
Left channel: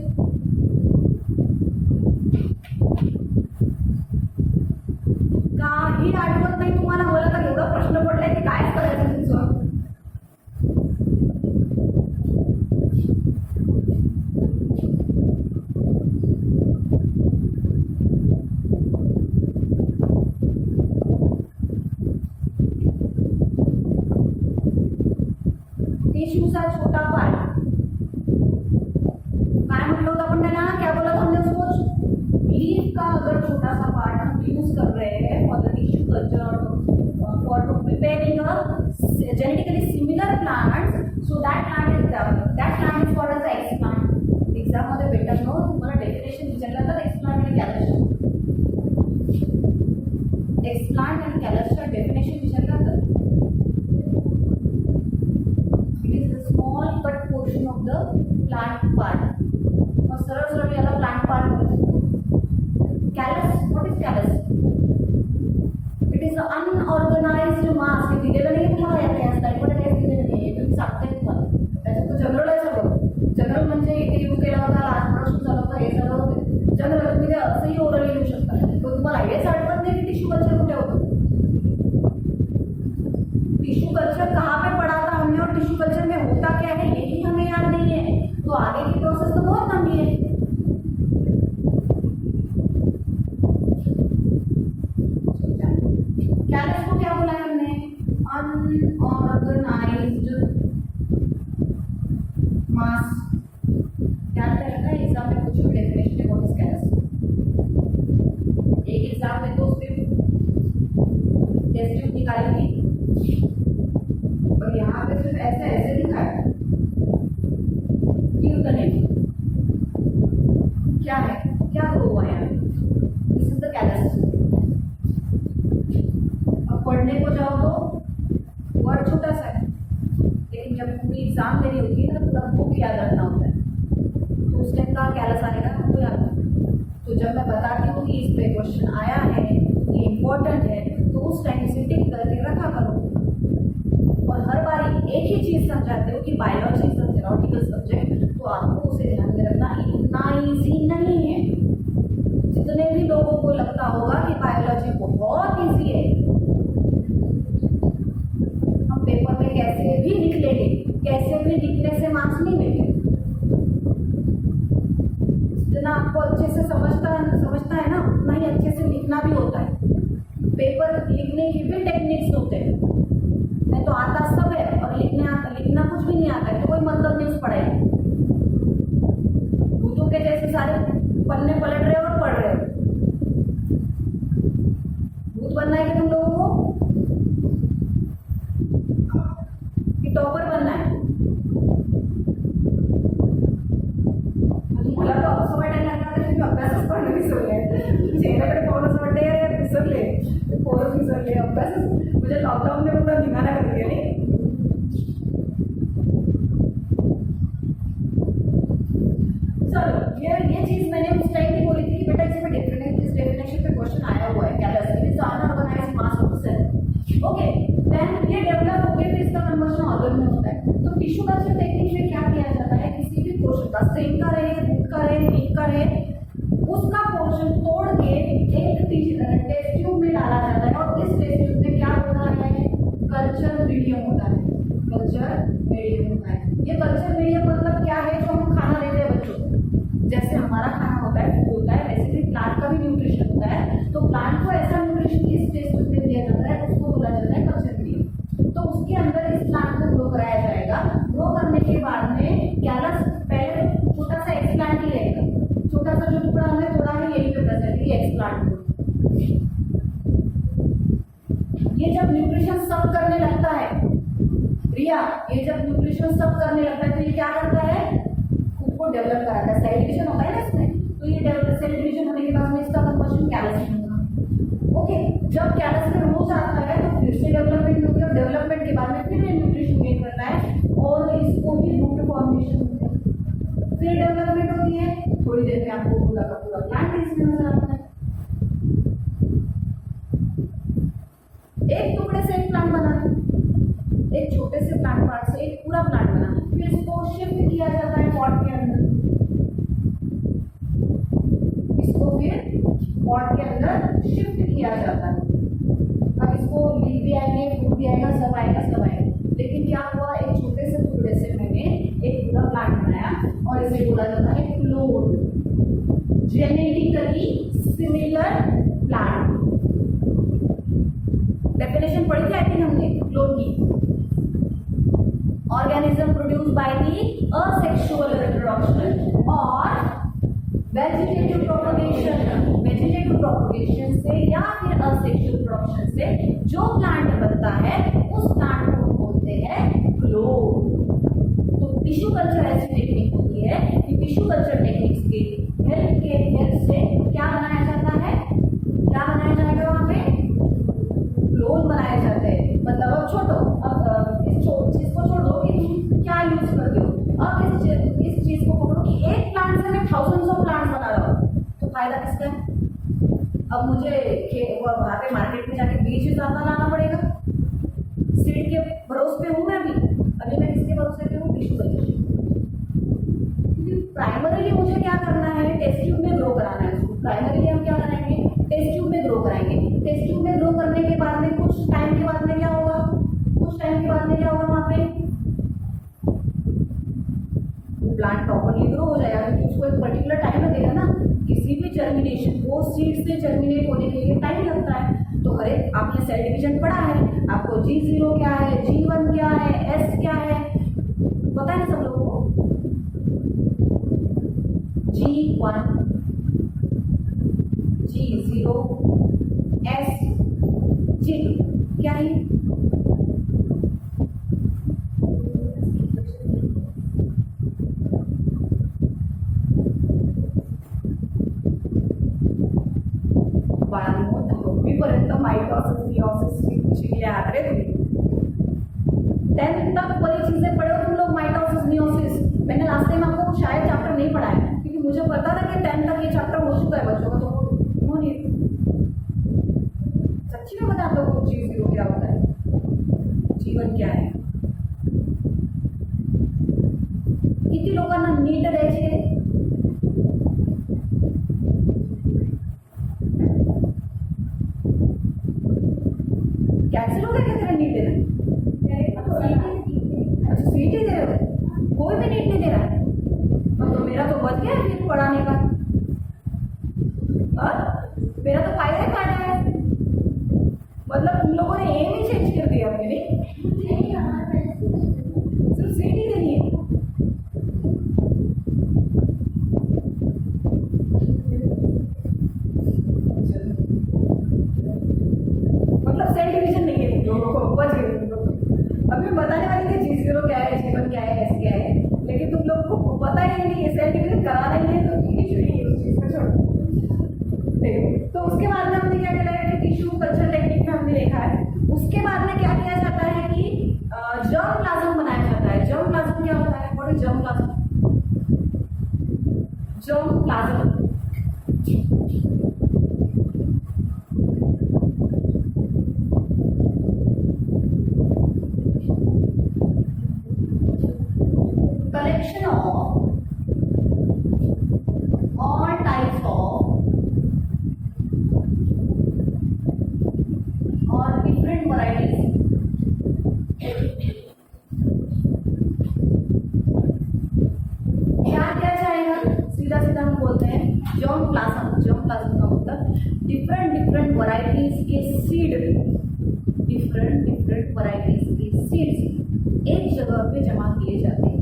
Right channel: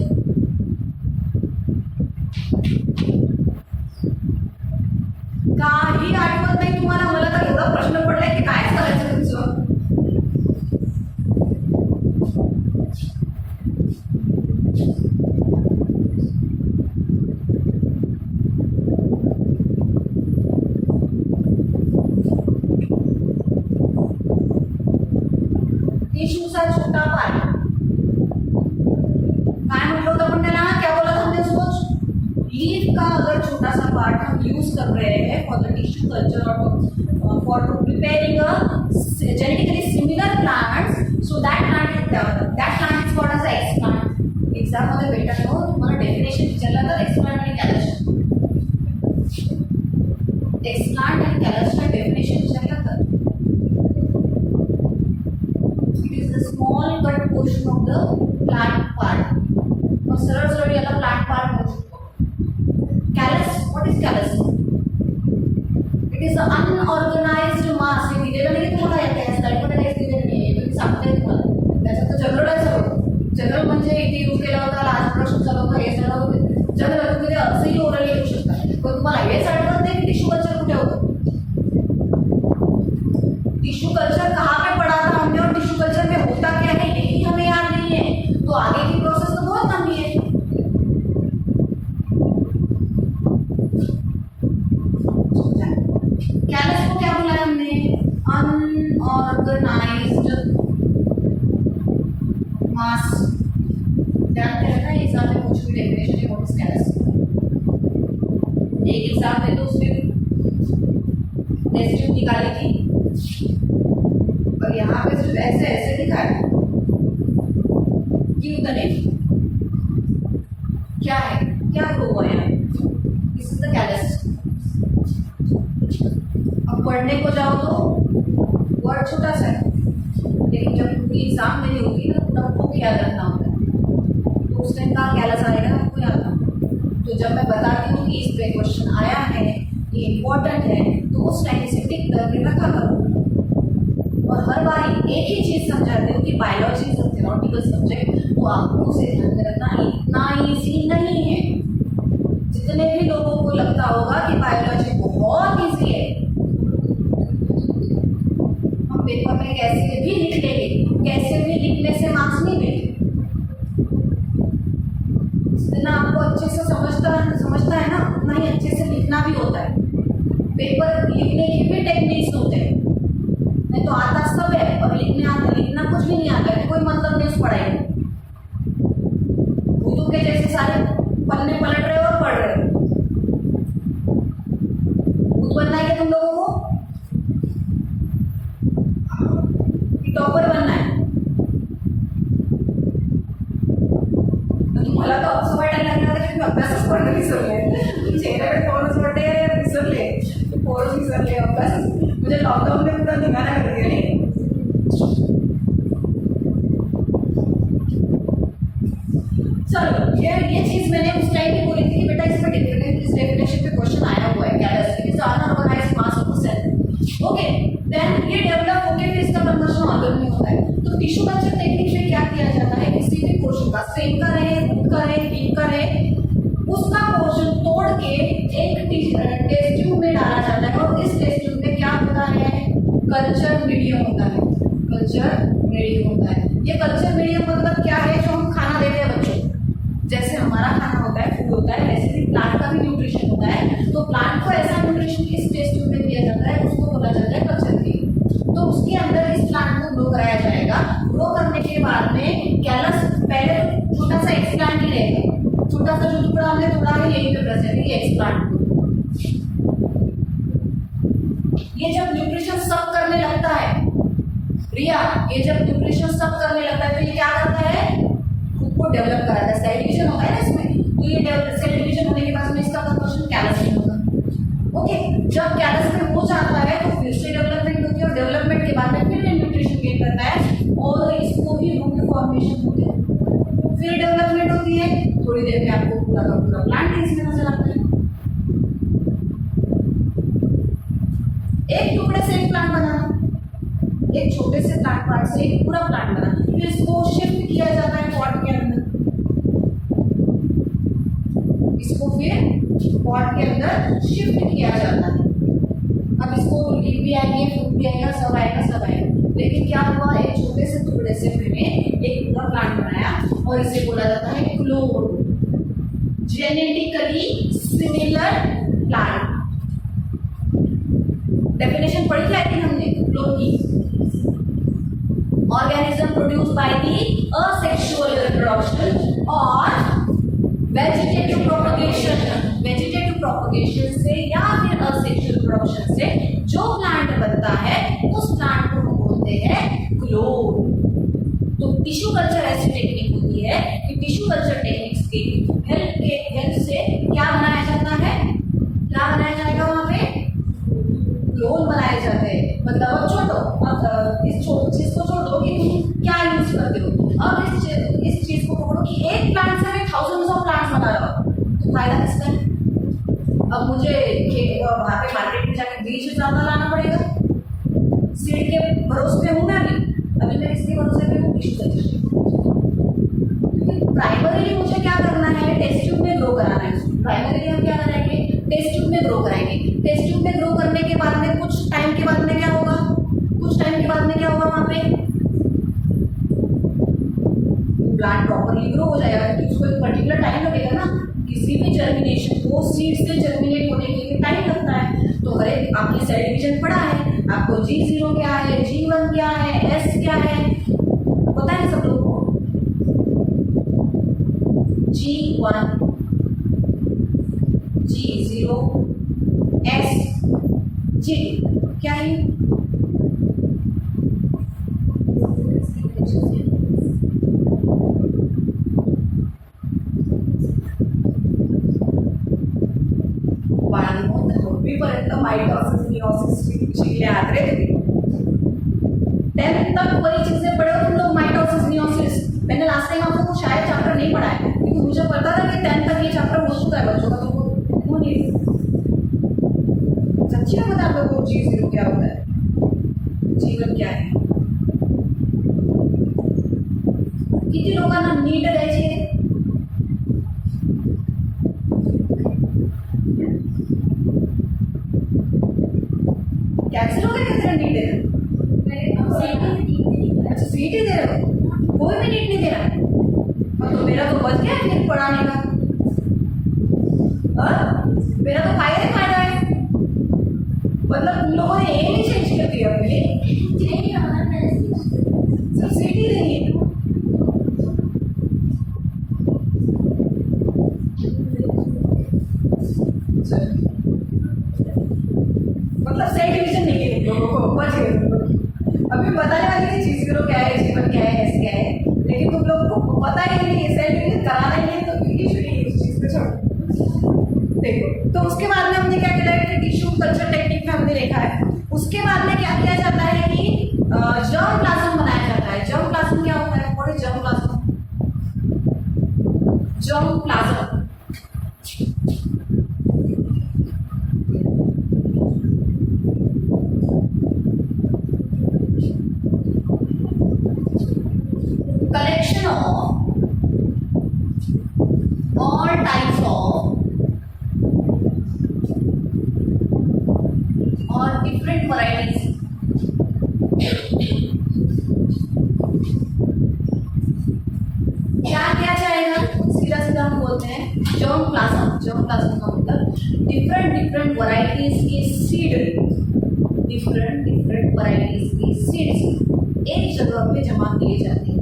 काही आठवत नाही तुम्हाला, मला तर एवढा प्रश्न पडलाय की कायच करायचं तुमचं। टिश्यूचा छोटा पार्ट काय म्हटलं होतं आपण त्याला, क्या बोला था हमने उसको, लीफ का अगर छोटा सा पार्ट हम यूज कर रहे हैं फॉर द टिश्यू कल्चर और for to preparing a genetically similar plants, so that plant is called as explant. Exam मध्ये भेटत हो तुम्हाला डेफिनेशन विचारलं तर एक्स प्लांट आणि कॅलस, एक्स प्लांट आणि कॅलसच्या डेफिनेशन विचारलं तर small cut portion of the plant part, और सरळ सरळ याला प्लांट पार्ट म्हणू शकतो। Callus, what is callus, it is a unorganised mass. हे दिलेलं नाही तुम्हाला, या स्लाइडमध्ये काहीच दिलेलं नाही आहे, तुम्ही सांगते तुम्हाला, त्याच्यात तर जनरल आहे सगळं। जनरल म्हणजे इथे यूज केला होता, लास्ट प्रोडक्शन झालं होतं, हे झालं होतं जनरल, तुम्ही ते असंही ओरली लिहू शकता। पण तुम्हाला हेच आठवत नाही की टिश्यू कल्चर कुठे होतं, टिश्यू कल्चर कहाँ पे पढ़ा था हमने और टिश्यू कल्चर में होता क्या है यही हमें याद नहीं है, तो आगे की प्रोसेस तो बहुत लंबी है। कैलस को क्या बोला हमने, अनऑर्गनाइज्ड मास। ध्यान में रखना, एग्जाम में पूछो डेफिनेशन है व्हाट इज कैलस। एक एग्जाम में तो उसमें टेस्ट निकाली थी, और यहाँ पे सिर्फ ऐसे ऐसे लिखा है कि उतने क्या है, क्या ग्रो हुआ है, दिस इज द कैलस। अब पढ़ने को जाओ तो वर्ड छोटा सा है, लेकिन जब पूरी एग्जाम देनी होगी ना पूरा बुक याद रखना होता है, तो उस टाइम का कैलस आएगा आपको याद रखना। तो जब मैं बताती हूँ कि इस पे क्वेश्चन आया है, ये इम्पोर्टेंट है, तो उस टाइम इसे टिक करके रखा करो। और हर बार एक ही चीज समझाते हो कि biology is a theoretical subject, तो आपको उसे ध्यान में रखना इतना इजी नहीं है। जितने भी लोगों को लगता होगा कि बायोलॉजी बहुत इजी है, हम पेपर में कैसे भी लिख लेंगे, कैसे भी लिखने से मार्क्स नहीं मिलेंगे। जितना आपको अच्छे से समझता है ना, उतना ही अच्छे से लिखना भी होता है। पेपर लिखने के भी टेक्निक्स होते हैं, नहीं तो आता सब है और लिखना कुछ भी नहीं आता है, तो कोई मतलब नहीं उस पढ़ाई। पन्ने पलट रहे हो और पढ़ रहे हो। भूत बनना है क्या तुम लोगों को कि टॉपर बनना है? मला तर असं वाटायला लागलं की मी अभ्यासच करणं विसरले, चेहऱ्याकडे पाहूनच वाटते विसरले, पोरच विसरले, अभ्यासच म्हणजे लॉकडाऊनने पुरा धिंगाणा करते आणि चलो ये चीज मैंने उस टाइम पे बोली थी कि बेटा इसमें इस डेफिनेशन पे क्वेश्चन आया हुआ है, capacity is unorganised mass of cell. Okay, then ये डेवलप होके फिर इसका कन्वर्जन ऑर्गन में होता है। तो टिश्यू कल्चर टेक्निक में क्या किया जाता है, किसी भी पोर्शन का स्ट्रेन का रहे, रूट का रहे, लीफ का रहे, उसका पोर्शन तोड़ के एक टेस्ट ट्यूब में डाला जाता है और इस टेस्ट ट्यूब में क्या होता है, कल्चर मीडियम होता है। कल्चर मीडियम होता है। ये कल्चर मीडियम मतलब क्या है, जो हम खाना देते हैं बच्चों को, जैसे हमारा खाना होता है, फूड होता है, वैसे ही प्लांट का भी न्यूट्रिशन होता है। तो प्लांट को ऐसा न्यूट्रिशन इस टेस्ट ट्यूब में दिया जाता है, उसको बोला जाता है कल्चर मीडियम। तो उसके अंदर इस प्लांट को ग्रो कराया जाएगा। ग्रो करने के बाद में कैलस पहले छोटा सा एक्सप्लांट ही रहेगा, छोटा सा जो टुकड़ा हमने तोड़ा है यही पे प्रेजेंट है, ये एक्सप्लांट। ये जब न्यूट्रिशन सब करने लगता है रिया, ये जब न्यूट्रिशन सब करने लगता है तो ये क्या करता है, खुद को डेवलप कराता है। सेल डिवीजन होता है ना इसमें, तो ये सेल डिवीजन होने के बाद में इसका कन्वर्जन कैलस में होगा। ओके, जब कैलस में हो जाता है तो फिर से डेवलपमेंट होती है और डेवलपमेंट के बाद में फिर न्यूट्रिशन गेन करता है और इसको ही रूट फॉर्मेशन होते हैं, फिर डेवलपमेंट होती है। थोड़ी देर में आपको पूरा का पूरा प्लांट इसमें नजर आता है। एक टुकड़े से एक प्लांट बनाना, एक छोटे से प्लांट पार्ट से एक पूरा प्लांट बना, फिर इसको शिफ्ट किया जाता है पॉट के अंदर। इसको फिर पॉट के अंदर शिफ्ट किया जाता है। अब इसको लीफ भी आएंगे, फ्रूट भी आएगा, सब आएगा, सब आएगा। लेकिन क्या हुआ, एक छोटे से टुकड़े से मैंने एक पूरा प्लांट बनाया और इसे बोला जाता है clone, genetically similar plant. Definition पढ़ी थी आई थिंक हमने क्लोन की। organism produced by the asexual reproduction और vegetative propagation से या फिर asexual reproduction से जो प्लांट बनता है उस प्लांट को हम बोलते हैं क्लोन। तो टिश्यू कल्चर ऐसी टेक्निक होती है कि टिश्यू कल्चर टेक्निक्स के हेल्प से क्या बनाया जाता है, क्या बनाया जाएगा, वहां पे क्लोन बनाए जाते हैं। मतलब अब छोड़ो, अब इस चीज को छोड़ दो कि तुम क्या यूज करते हो। अब इस चीज को पकड़ो कि एक प्लांट से मैं थाउजेंड्स ऑफ प्लांट्स बना रहा हूँ, तो फायदा किसका है? अब मुझे वहां पे मार्केट में जाके बीज ज्यादा लाना पड़ेगा, सीड के भरोसे पे हूँ मैं अभी मैं किसके भरोसे पे हूँ, टिश्यू कल्चर। प्राइमरीली मुझे क्या करना है, टेस्ट ट्यूब में ग्रो कराना है। प्राइमरीली हम क्या कराएंगे, टेस्ट ट्यूब में ग्रो कराएंगे। टेस्ट ट्यूब में ग्रो करने के बाद में कुछ टाइम के बाद में क्या होगा, कुछ टाइम के बाद में क्या होगा, वहां पे प्लांट प्रॉपरली ग्रो हो जाएगा क्योंकि उसको एक पर्टिकुलर टाइम लगेगा ना। किसी भी जर्मिनेशन को सीड से जर्मिनेट होने के लिए टाइम लगता है। तो हर एक आपने सेल डिवीजन पढ़ा है, आपको G0 क्या है, G1 क्या है, S क्या है, पता है ना सब लोगों को। G1, G0, S, G2 क्या है? पर्यंत माइटोसिस मियोसिस शिकले आहात रे तुम्ही। 10th तक वही चीजें पढ़े हो तुम लोग, माइटोसिस मियोसिस। मैंने लास्ट टाइम आपको शायद चैप्टर नहीं पढ़ाया क्योंकि मुझे पता था कि 10th तक ये चैप्टर हो चुका है बच्चों का, तो क्यों नहीं सच्ची में बता दो G0 क्या होता है, G1 क्या है। किती लोकांना नीट द्यायची आहे? कैंसिल हो गया क्या तेरा नीट देना? अच्छा सीटी दे रहे हो, कोई भी नीट नहीं दे रहा है। तो मेरा तो बच गया फिर पढ़ाने का। मेरा तो फायदा है, मतलब तुम लोगों ने एम ही चेंज कर दिया अपने लिए, सिर्फ सीटी देनी है। ही नहीं, सेल डिवीजन कराना ही है तो इशू नहीं है उस चीज़ को छोड़ो। देखो, तो उसके बाद में हमने क्या किया है, टिश्यू कल्चर टेक्निक में हमने देखा है। उसके बाद में क्या किया जाता है कि जर्म प्लाज्म बनाया जाता है। जर्म प्लाज्म क्या होता है? What is germ plasm? Germ plasm collection of all types of or different varieties क्या चाहेगा? सीधा सीधा हम बोलते हैं जर्म प्लाज्म। जर्म प्लाज्म का मतलब डिफरेंट वैरायटीज के सीड, डिफरेंट वैरायटीज के सीड्स एक जगह पे जमा किए जाते हैं।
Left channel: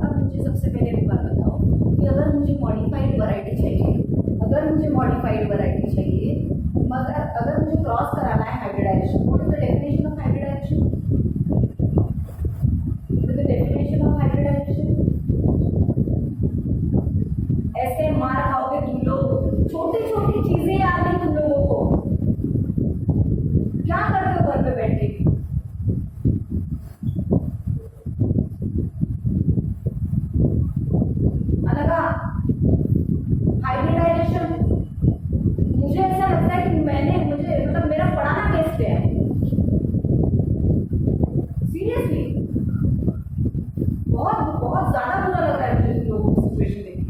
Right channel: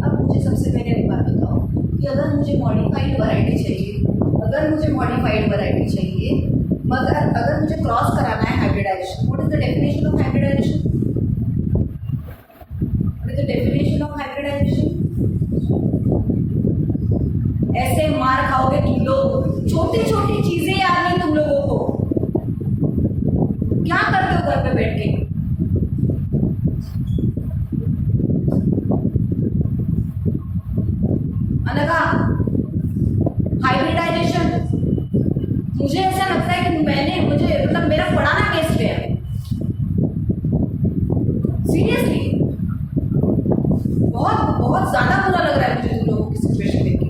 अब मुझे सबसे पहले एक बात बताओ कि अगर मुझे मॉडिफाइड वैरायटी चाहिए, मगर अगर मुझे क्रॉस कराना है hybridisation, what is the definition of hybridisation? ऐसे मार खाओगे तुम लोग, छोटी छोटी चीजें याद नहीं तुम लोगों को। क्या करते हो घर पे बैठ के? अनघा, हाइब्रिडाइजेशन मुझे ऐसा लगता है कि मुझे मतलब मेरा पढ़ाना केस पे है सीरियसली। बहुत ज्यादा बुरा लग रहा है मुझे तुम लोगों की सिचुएशन देख के।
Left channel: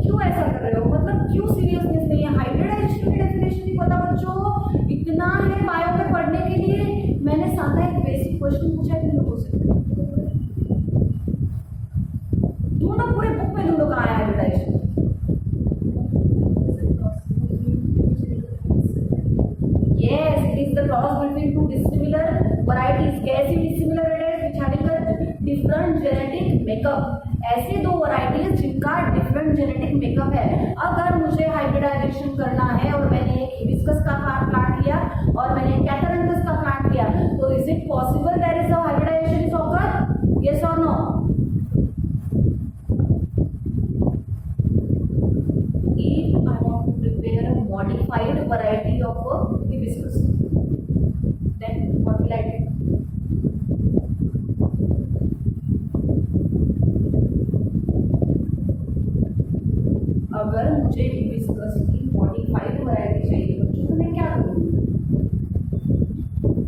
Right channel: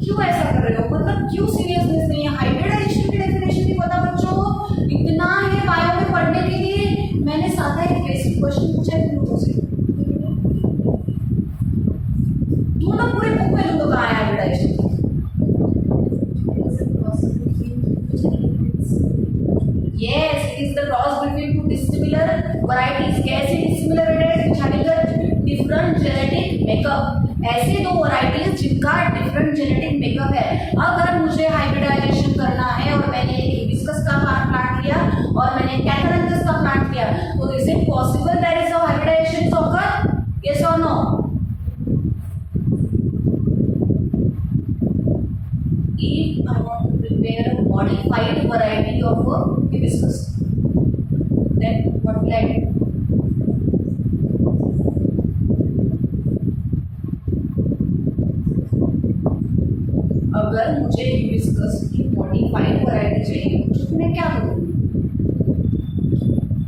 क्यों ऐसा कर रहे हो? मतलब क्यों सीरियसनेस नहीं है? हाइब्रिडाइजेशन की डेफिनेशन भी पता बच्चों को इतना है बायो में पढ़ने के लिए। मैंने सादा एक बेसिक क्वेश्चन पूछा है तुम लोगों से, ढूंढो पूरे बुक में, ढूंढो कहाँ है hybridisation. Yes, it is the cross between two dissimilar varieties. कैसी dissimilar varieties? which having a different genetic makeup. ऐसे दो varieties जिनका different genetic makeup है। अगर मुझे hybridization करना है और मैंने एक hibiscus का प्लांट लिया और मैंने एक catharanthus का प्लांट लिया, तो is it possible there is a hybridization is occur? Yes or no? If I want to prepare a modified variety of a hibiscus, then what will I do? अगर मुझे hibiscus की modified variety चाहिए बच्चों तो मैं क्या करूँगी?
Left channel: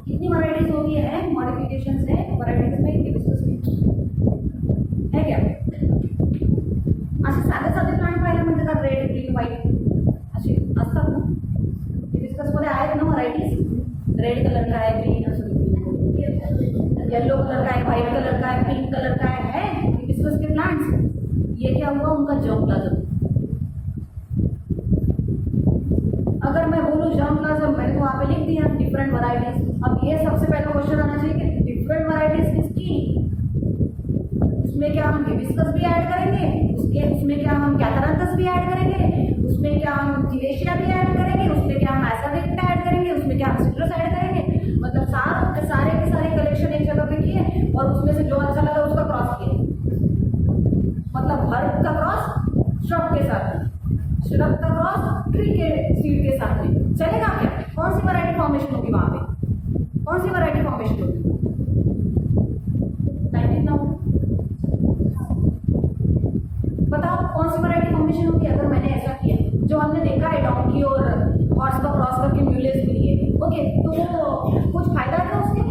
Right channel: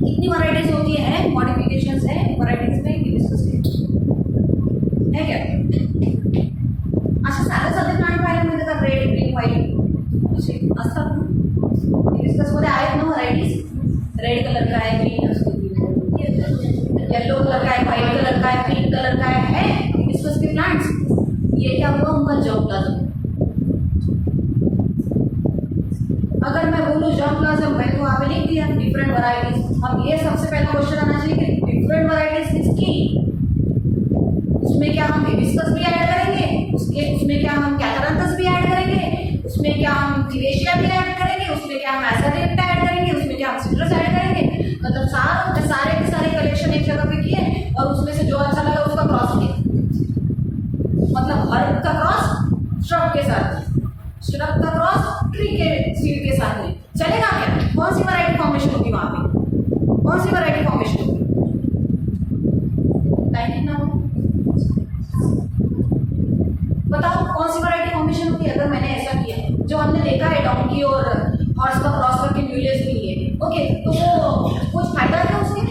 कितनी वैरायटीज होती है, मॉडिफिकेशंस है वैरायटीज में हिबिस्कस के, है क्या? अच्छा, साधे प्लांट पाहिले म्हणजे का रेड, ग्रीन, व्हाईट असे असतात ना हिबिस्कस मध्ये? आहेत ना व्हरायटीज? रेड कलर का है, ग्रीन असतो, येलो कलर का है, व्हाइट कलर का है, पिंक कलर का है हिबिस्कस के प्लांट्स। ये क्या हुआ? उनका जर्म प्लाज्म। अगर मैं बोलूँ जर्म प्लाज्म, मैं तो वहाँ पे लिख दिया डिफरेंट वैरायटीज। अब ये सबसे पहला क्वेश्चन आना चाहिए कि डिफरेंट वैरायटीज किसकी? उसमें क्या हम हिबिस्कस भी ऐड करेंगे, उसमें क्या हम कैथारंथस भी ऐड करेंगे, उसमें क्या हम थिवेशिया भी ऐड करेंगे, उसमें क्या हम एसाडिक्टा ऐड करेंगे, उसमें क्या हम सिट्रस ऐड करेंगे? मतलब सारे के सारे कलेक्शन एक जगह पे किए और उसमें से जो अच्छा लगा उसका क्रॉस किया। मतलब हर्ब का क्रॉस श्रब के साथ, श्रब का क्रॉस ट्री के सीड के साथ में चलेगा क्या? कौन सी वैरायटी फॉर्मेशन होगी वहां पे? कौन सी वैरायटी फॉर्मेशन होगी? टाइम कितना हो बताओ, कौन सी वैरायटी फॉर्मेशन होगी अगर मैंने ऐसा किया? जो हमने देखा है डोंकी और हॉर्स का क्रॉस करके म्यूलेस मिली है, ओके, तो वो कुछ फायदा है उसके?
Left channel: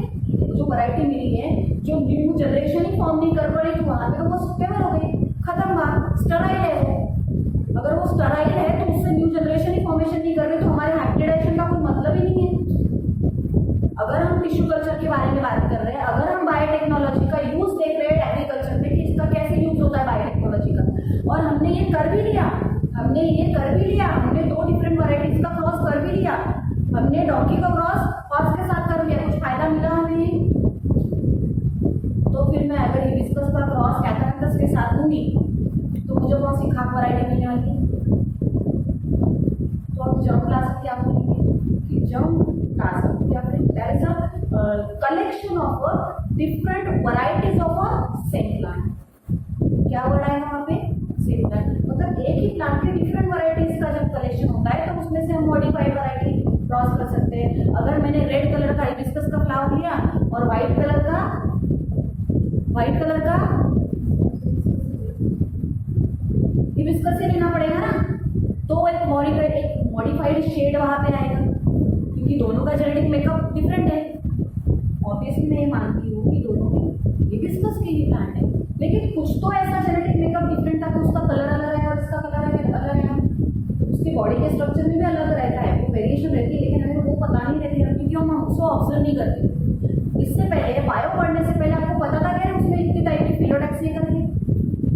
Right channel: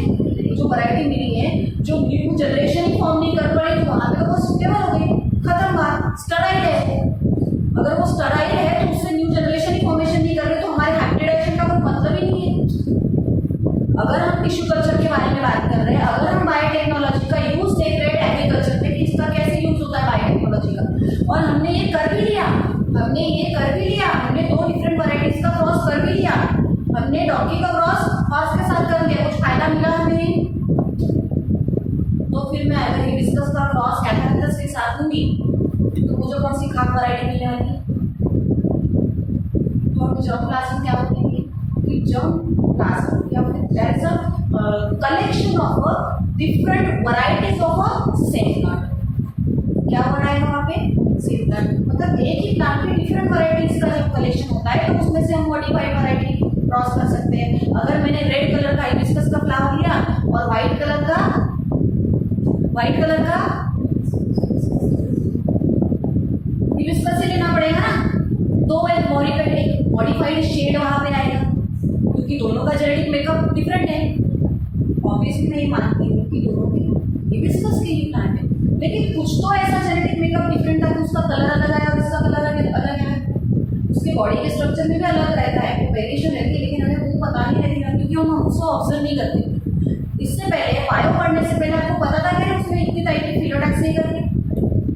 जो वैरायटी मिली है, जो न्यू जनरेशन ही फॉर्म नहीं कर पाई, तो वहां पे तो वो सुटेबल हो गई, खत्म बात, स्टराइल है। अगर वो स्टराइल है तो उससे न्यू जनरेशन ही फॉर्मेशन नहीं कर रही, तो हमारे हाइब्रिडाइजेशन का कोई मतलब ही नहीं है। अगर हम टिश्यू कल्चर के बारे में बात कर रहे हैं, अगर हम बायोटेक्नोलॉजी का यूज देख रहे हैं एग्रीकल्चर में कि इसका कैसे यूज होता है बायोटेक्नोलॉजी का, और हमने ये कर भी लिया, हमने दो डिफरेंट वैरायटीज का क्रॉस कर भी लिया, हमने डॉगी का क्रॉस हॉर्स के साथ कर लिया, कुछ फायदा मिला हमें? तो फिर मैं अगर हिबिस्कस का क्रॉस कैथारंथस के साथ दूंगी तो मुझे कौन सी खाद वैरायटी मिलने वाली है? तो हम जर्म प्लाज्म क्या बोलेंगे कि जर्म प्लाज्म या फिर there is a collection of different varieties of a same plant. क्या वर्ड आएगा वहाँ पे? Same plant. मतलब एक ही प्लांट की डिफरेंट वराइटीज का जब कलेक्शन होता है तो उसमें से हम मॉडिफाइड वराइटी क्रॉस कर सकते हैं। अगर मैंने रेड कलर का हाइबिस्कस का फ्लावर लिया और व्हाइट कलर का हिबिस्कस से लेना पड़ेगा ना, तो एक मॉडिफाइड शेड वहां पे आएगा, क्योंकि दोनों का जेनेटिक मेकअप डिफरेंट है। ऑब्वियसली मैं ये मानती हूँ कि दोनों के हिबिस्कस के ही प्लांट है, लेकिन कुछ तो ऐसा जेनेटिक मेकअप डिफरेंट था कि उसका कलर अलग आया और इसका कलर अलग आया। उसके बॉडी के स्ट्रक्चर में भी अलग रहता है, वो वेरिएशन रहती है, लेकिन हमें वो पता नहीं रहती है क्योंकि हम उसको ऑब्जर्व नहीं करते। इससे पहले बायो पढ़ने से पहले आपको पता था कि उसमें इतनी टाइप की फिलोटैक्स नहीं करती।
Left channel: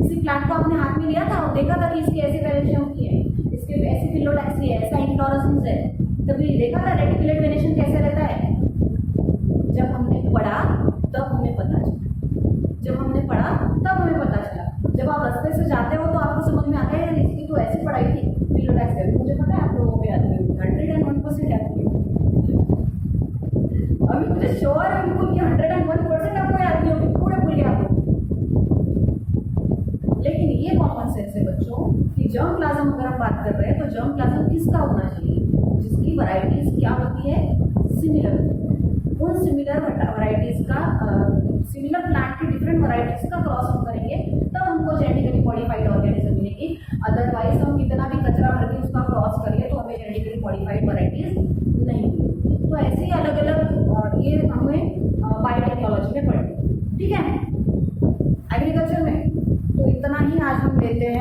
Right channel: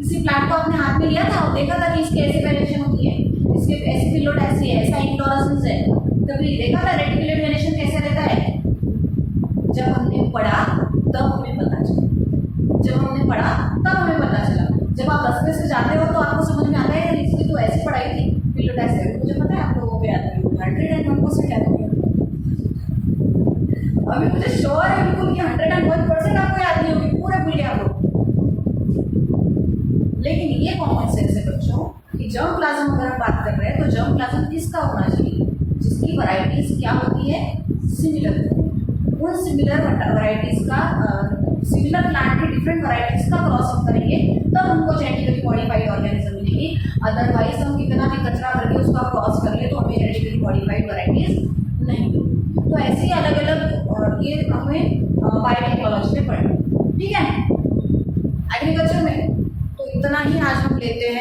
किसी प्लांट को आपने हाथ में लिया था और देखा था कि इसकी ऐसी वेरिएशन होती है, इसके ऐसी फिलोटैक्स है, ऐसा इन्फ्लोरेसेंस है, कभी देखा था रेटिकुलेट वेरिएशन कैसे रहता है? जब हमने पढ़ा तब हमें पता चला, जब आप रास्ते से जाते हो तो आपको समझ में आता है इसकी तो ऐसी पढ़ाई थी, फिलोटैक्स है, मुझे पता है आप लोगों को याद है, 101% याद होगा। अभी मुझे श्योर है बिल्कुल कि 101% आपको याद नहीं होगी, पूरे भूल गए आप लोग। लेकिन ये कॉमन सेंस है बच्चों कि जर्म प्लाज्म अगर हम बात कर रहे हैं तो जर्म प्लाज्म किसका होना चाहिए? जिसकी वैरायटीज क्या होती है? सिमिलर। उन सिमिलर वैरायटीज का सिमिलर प्लांट की डिफरेंट वैरायटीज का क्रॉस अप करेंगे तब हमको जेनेटिकली मॉडिफाइड ऑर्गेनिज्म मिलेगी। अदरवाइज हम कितना भी कचरा भर के उसका क्रॉस कर ले तो हमें जेनेटिकली मॉडिफाइड वैरायटीज नहीं मिलेगी। तो ऐसे ही अलग अलग ये हमें बायोटेक्नोलॉजी में पढ़ेंगे, ठीक है। एग्रीकल्चर में तो इतना ही आज हम लेते हैं।